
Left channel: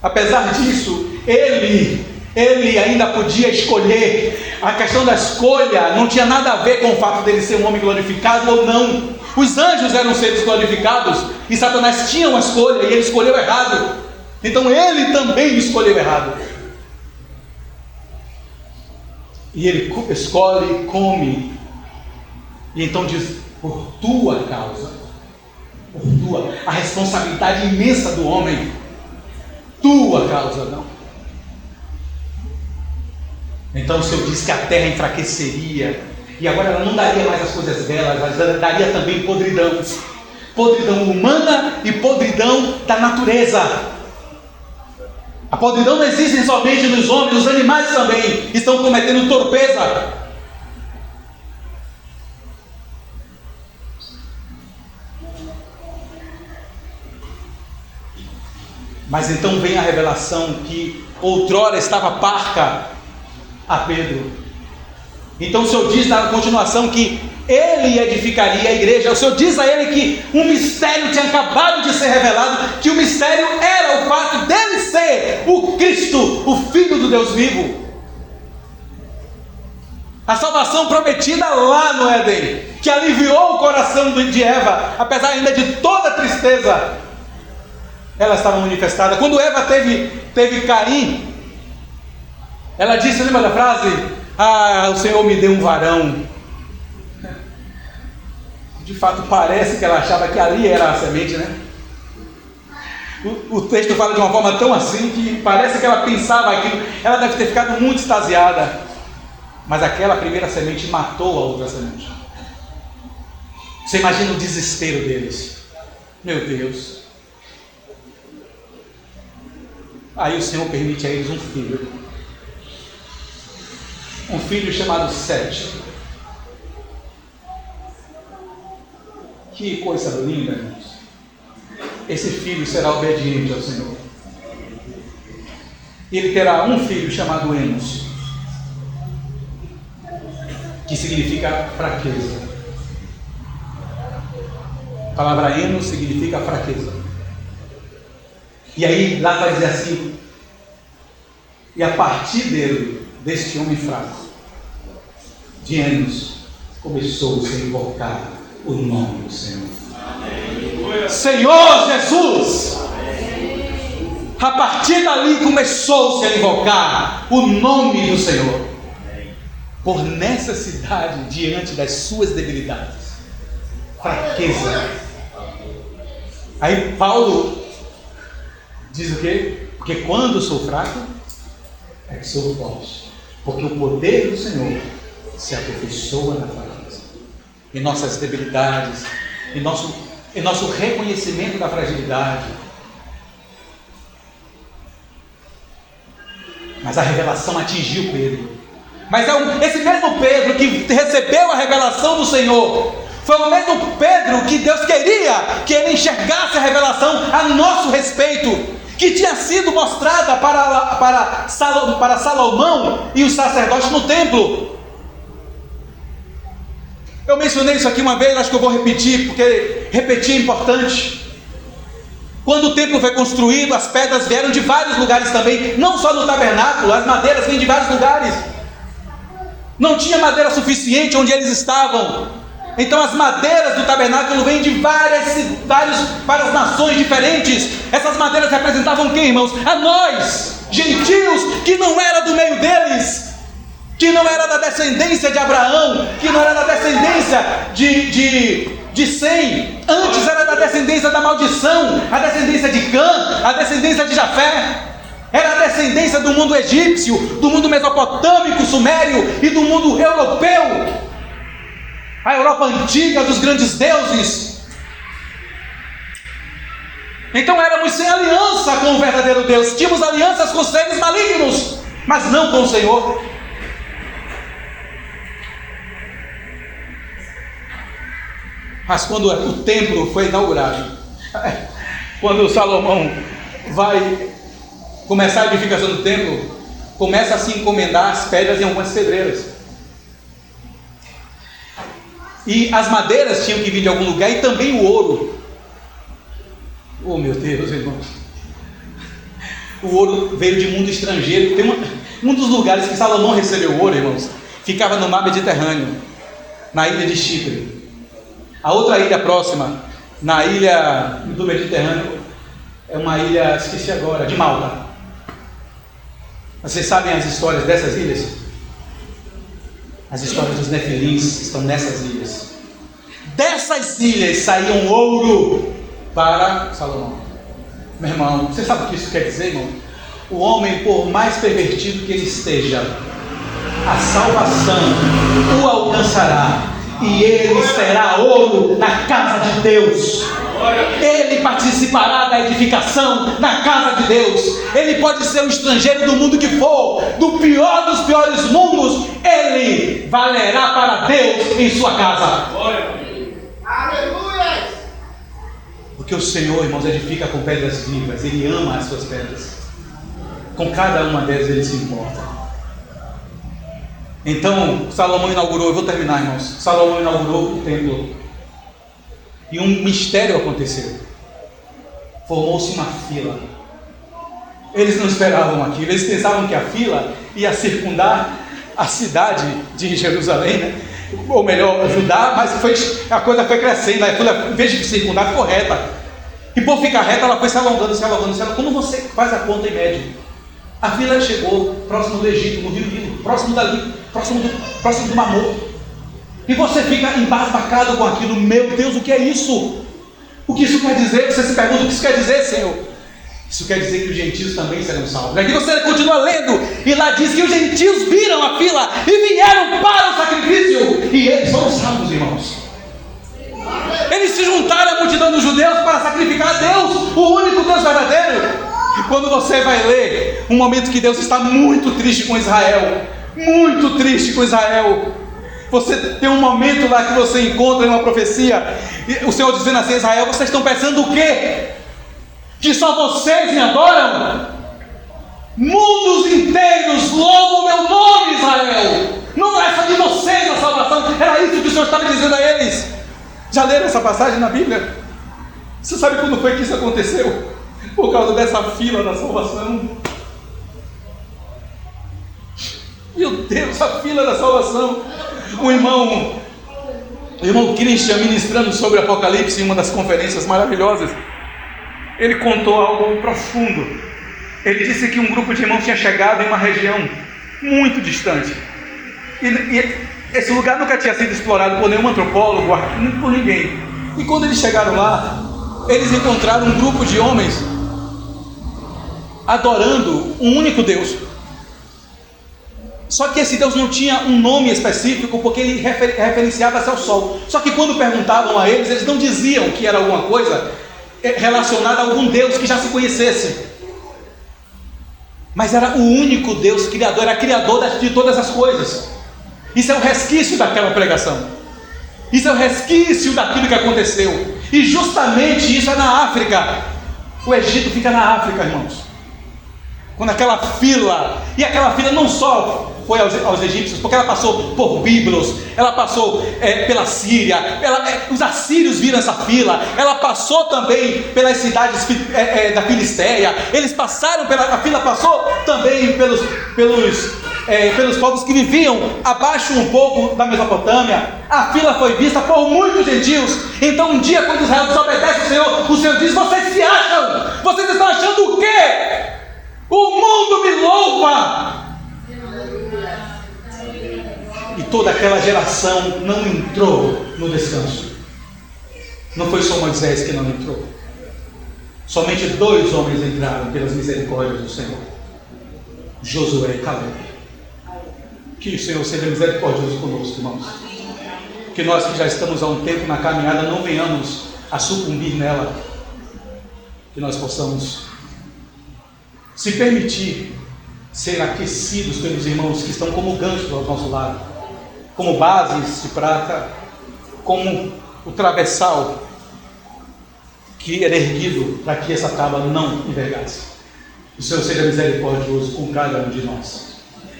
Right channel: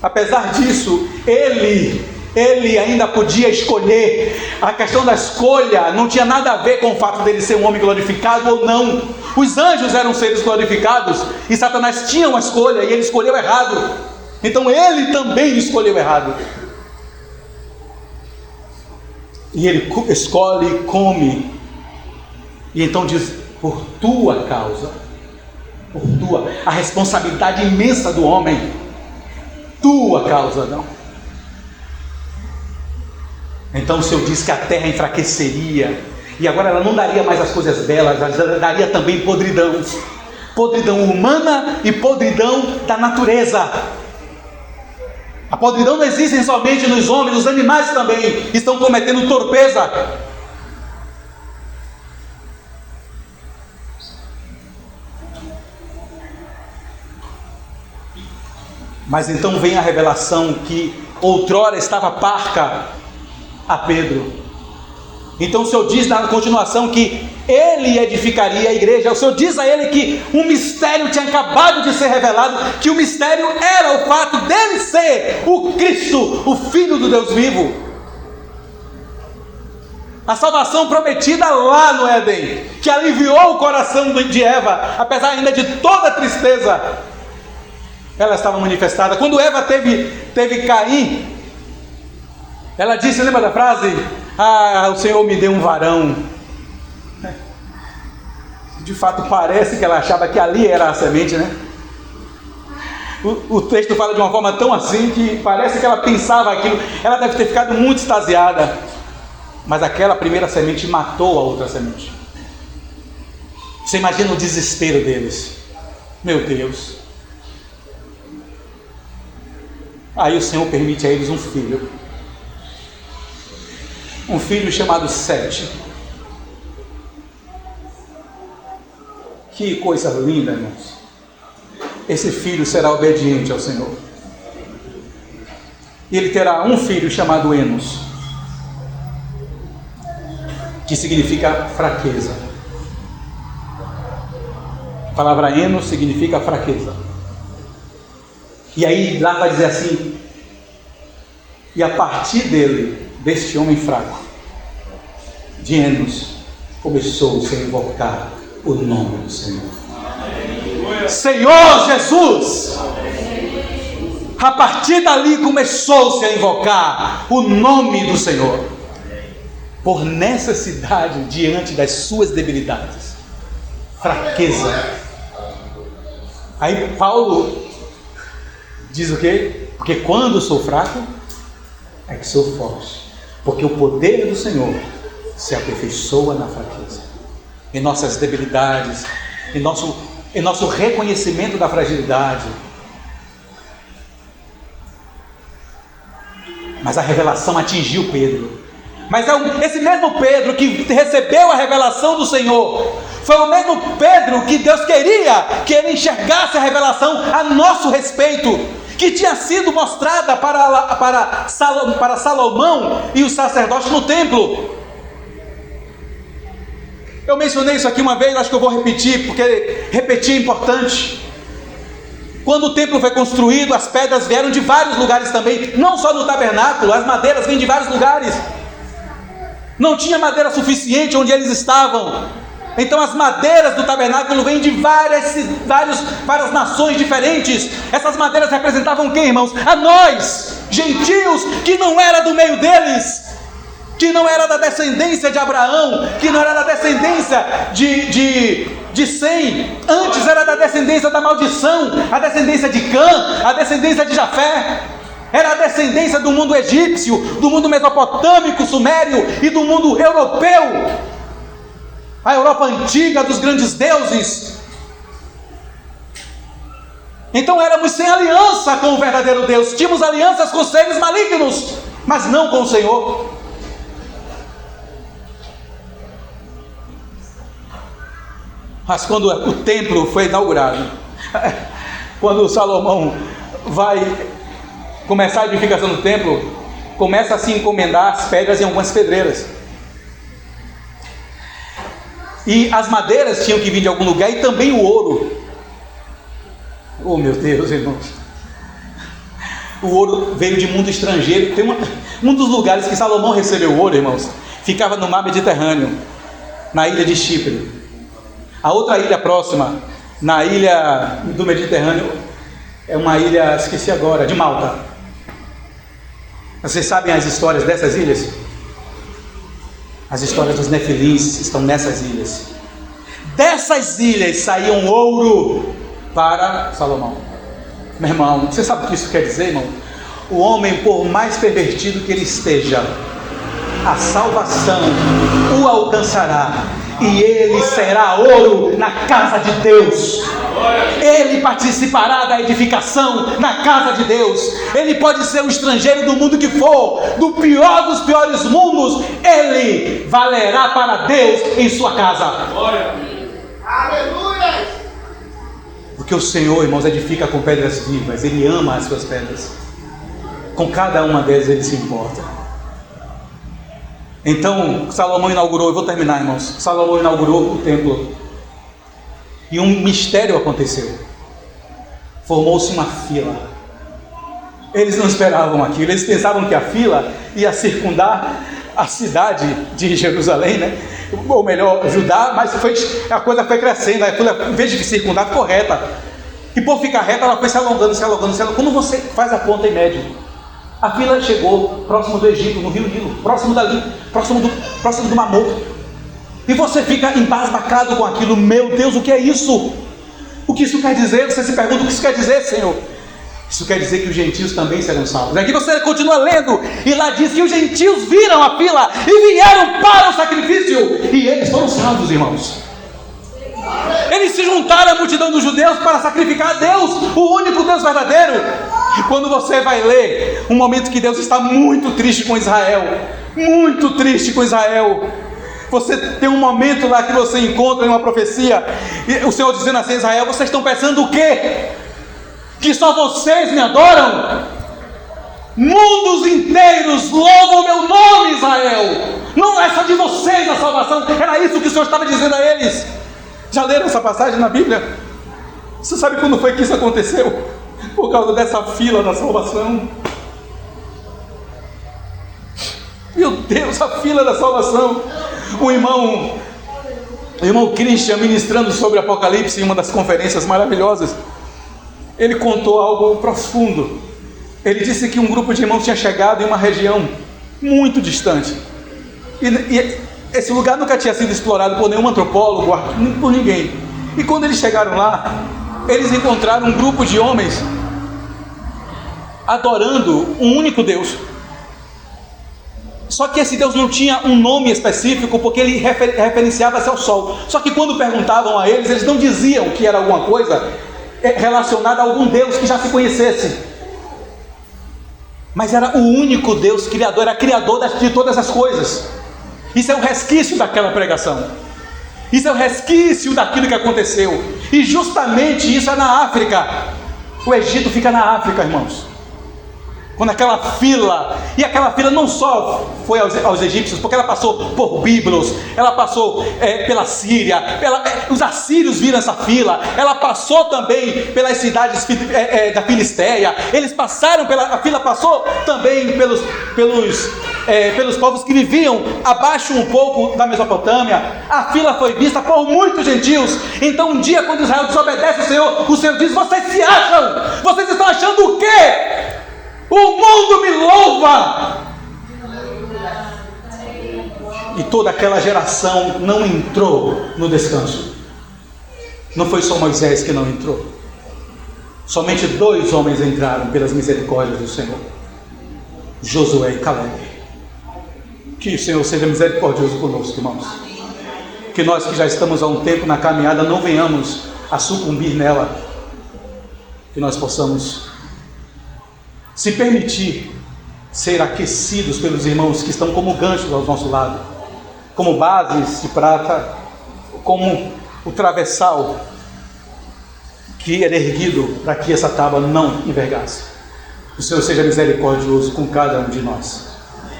apesar disso, ele ainda podia escolher. A questão da escolha não tinha nada a ver com o fato dele ser um homem glorificado ou não. Os anjos eram seres glorificados e Satanás tinha uma escolha e ele escolheu errado. Então ele também escolheu errado. E ele escolhe, come. E então diz: por tua causa, por tua, a responsabilidade imensa do homem, tua causa, não. Então o Senhor diz que a terra enfraqueceria, e agora ela não daria mais as coisas belas, ela daria também podridão. Podridão humana e podridão da natureza. A podridão não existe somente nos homens, os animais também estão cometendo torpeza. Mas então vem a revelação que outrora estava parca a Pedro. Então o Senhor diz na continuação que ele edificaria a igreja. O Senhor diz a ele que um mistério tinha acabado de ser revelado, que o mistério era o fato dele ser o Cristo, o Filho do Deus vivo. A salvação prometida lá no Éden, que aliviou o coração de Eva, apesar ainda de toda a tristeza, ela estava manifestada. Quando Eva teve Caim, ela disse, lembra da frase? O Senhor me deu um varão. De fato parece que ela achava que ali era a semente, né? O texto fala de uma forma tão assim que parece que ela pensava aquilo. Ela deve ter ficado muito extasiada, mas aquela primeira semente matou a outra semente. Você imagina o desespero deles. Meu Deus. Aí o Senhor permite a eles um filho. Um filho chamado Sete. Que coisa linda, irmãos. Esse filho será obediente ao Senhor. E ele terá um filho chamado Enos, que que significa fraqueza. A palavra enos significa fraqueza. E aí lá vai dizer assim: e a partir dele, deste homem fraco, de Enos, começou-se a invocar o nome do Senhor. Amém. Senhor Jesus! Amém. A partir dali começou-se a invocar o nome do Senhor, por necessidade diante das suas debilidades, fraqueza. Aí Paulo diz o quê? Porque quando sou fraco, é que sou forte. Porque o poder do Senhor se aperfeiçoa na fraqueza. Em nossas debilidades, em nosso reconhecimento da fragilidade. Mas a revelação atingiu Pedro. Mas é esse mesmo Pedro que recebeu a revelação do Senhor. Foi o mesmo Pedro que Deus queria que ele enxergasse a revelação a nosso respeito, que tinha sido mostrada para Salomão e os sacerdotes no templo. Eu mencionei isso aqui uma vez, acho que eu vou repetir, porque repetir é importante. Quando o templo foi construído, as pedras vieram de vários lugares também, não só no tabernáculo, as madeiras vêm de vários lugares. Não tinha madeira suficiente onde eles estavam. Então as madeiras do tabernáculo vêm de várias nações diferentes. Essas madeiras representavam quem, irmãos? A nós, gentios, que não era do meio deles, que não era da descendência de Abraão, que não era da descendência de Sem, antes era da descendência da maldição, a descendência de Cã, a descendência de Jafé. Era a descendência do mundo egípcio, do mundo mesopotâmico, sumério e do mundo europeu. A Europa antiga dos grandes deuses. Então éramos sem aliança com o verdadeiro Deus. Tínhamos alianças com seres malignos, mas não com o Senhor. Mas quando o templo foi inaugurado, quando Salomão vai começar a edificação do templo, começa a se encomendar as pedras em algumas pedreiras. E as madeiras tinham que vir de algum lugar, e também o ouro. Oh meu Deus, irmãos. O ouro veio de mundo estrangeiro. Tem um dos lugares que Salomão recebeu ouro, irmãos, ficava no mar Mediterrâneo, na ilha de Chipre. A outra ilha próxima, na ilha do Mediterrâneo, é uma ilha, esqueci agora, de Malta. Vocês sabem as histórias dessas ilhas? As histórias dos nefilins estão nessas ilhas. Dessas ilhas saíam ouro para Salomão. Meu irmão, você sabe o que isso quer dizer, irmão? O homem, por mais pervertido que ele esteja, a salvação o alcançará, e ele será ouro na casa de Deus. Ele participará da edificação na casa de Deus. Ele pode ser um estrangeiro do mundo que for, do pior dos piores mundos, ele valerá para Deus em sua casa. Aleluia! Porque o Senhor, irmãos, edifica com pedras vivas. Ele ama as suas pedras. Com cada uma delas ele se importa. Então Salomão inaugurou, eu vou terminar, irmãos. Salomão inaugurou o templo. E um mistério aconteceu. Formou-se uma fila. Eles não esperavam aquilo. Eles pensavam que a fila ia circundar a cidade de Jerusalém, né? Ou melhor, Judá, mas a coisa foi crescendo. A fila, em vez de circundar, ficou reta. E por ficar reta, ela foi se alongando. Quando você faz a conta em média, a fila chegou próximo do Egito, no rio Nilo, próximo do Mar Morto. E você fica embasbacado com aquilo. Meu Deus, o que é isso? O que isso quer dizer? Você se pergunta, o que isso quer dizer, Senhor? Isso quer dizer que os gentios também serão salvos. Aqui você continua lendo, e lá diz que os gentios viram a fila e vieram para o sacrifício, e eles foram salvos, irmãos. Eles se juntaram à multidão dos judeus para sacrificar a Deus, o único Deus verdadeiro. Quando você vai ler um momento que Deus está muito triste com Israel, muito triste com Israel, você tem um momento lá que você encontra em uma profecia, o Senhor dizendo assim: Israel, vocês estão pensando o quê? Que só vocês me adoram? Mundos inteiros louvam o meu nome, Israel. Não é só de vocês a salvação. Era isso que o Senhor estava dizendo a eles. Já leram essa passagem na Bíblia? Você sabe quando foi que isso aconteceu? Por causa dessa fila da salvação. Meu Deus, a fila da salvação. O irmão Christian, ministrando sobre Apocalipse em uma das conferências maravilhosas, ele contou algo profundo. Ele disse que um grupo de irmãos tinha chegado em uma região muito distante, e esse lugar nunca tinha sido explorado por nenhum antropólogo, por ninguém. E quando eles chegaram lá, eles encontraram um grupo de homens adorando um único Deus. Só que esse Deus não tinha um nome específico, porque ele referenciava-se ao sol. Só que quando perguntavam a eles, eles não diziam que era alguma coisa relacionada a algum Deus que já se conhecesse. Mas era o único Deus criador, era criador de todas as coisas. Isso é o resquício daquela pregação. Isso é o resquício daquilo que aconteceu. E justamente isso é na África. O Egito fica na África, irmãos. Quando aquela fila, e aquela fila não só foi aos egípcios, porque ela passou por Bíblos, ela passou pela Síria, os assírios viram essa fila, ela passou também pelas cidades da Filisteia, eles passaram a fila passou também pelos povos que viviam abaixo um pouco da Mesopotâmia. A fila foi vista por muitos gentios. Então um dia, quando Israel desobedece o Senhor diz: vocês se acham? Vocês estão achando o quê? O mundo me louva! E toda aquela geração não entrou no descanso. Não foi só Moisés que não entrou. Somente 2 homens entraram pelas misericórdias do Senhor: Josué e Caleb. Que o Senhor seja misericordioso conosco, irmãos. Que nós que já estamos há um tempo na caminhada não venhamos a sucumbir nela. Que nós possamos se permitir ser aquecidos pelos irmãos que estão como ganchos ao nosso lado, como bases de prata, como o travessal que era erguido para que essa tábua não envergasse. O Senhor seja misericordioso com cada um de nós.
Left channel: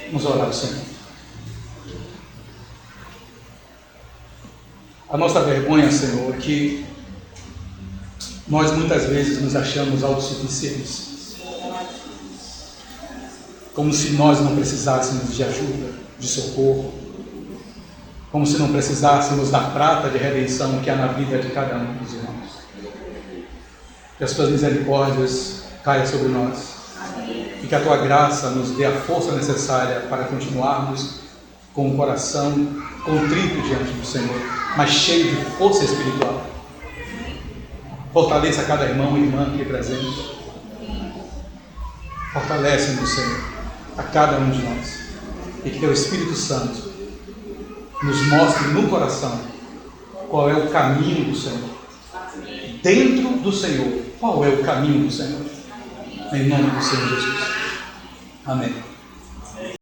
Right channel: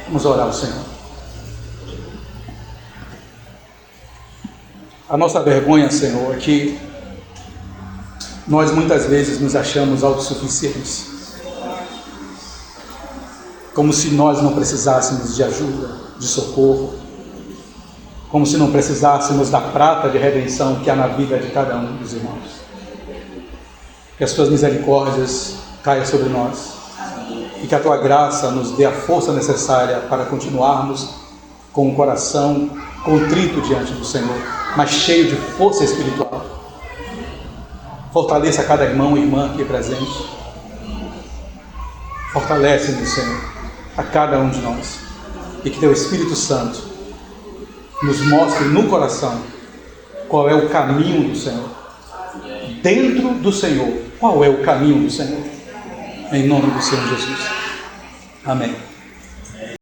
Vamos orar ao Senhor. A nossa vergonha, Senhor, é que nós muitas vezes nos achamos autossuficientes, como se nós não precisássemos de ajuda, de socorro, como se não precisássemos da prata de redenção que há na vida de cada um dos irmãos. Que as tuas misericórdias caiam sobre nós e que a tua graça nos dê a força necessária para continuarmos com o coração contrito diante do Senhor, mas cheio de força espiritual. Fortaleça cada irmão e irmã aqui presente. Fortalece-nos, Senhor, a cada um de nós, e que teu Espírito Santo nos mostre no coração qual é o caminho do Senhor, dentro do Senhor, qual é o caminho do Senhor, em nome do Senhor Jesus. Amém.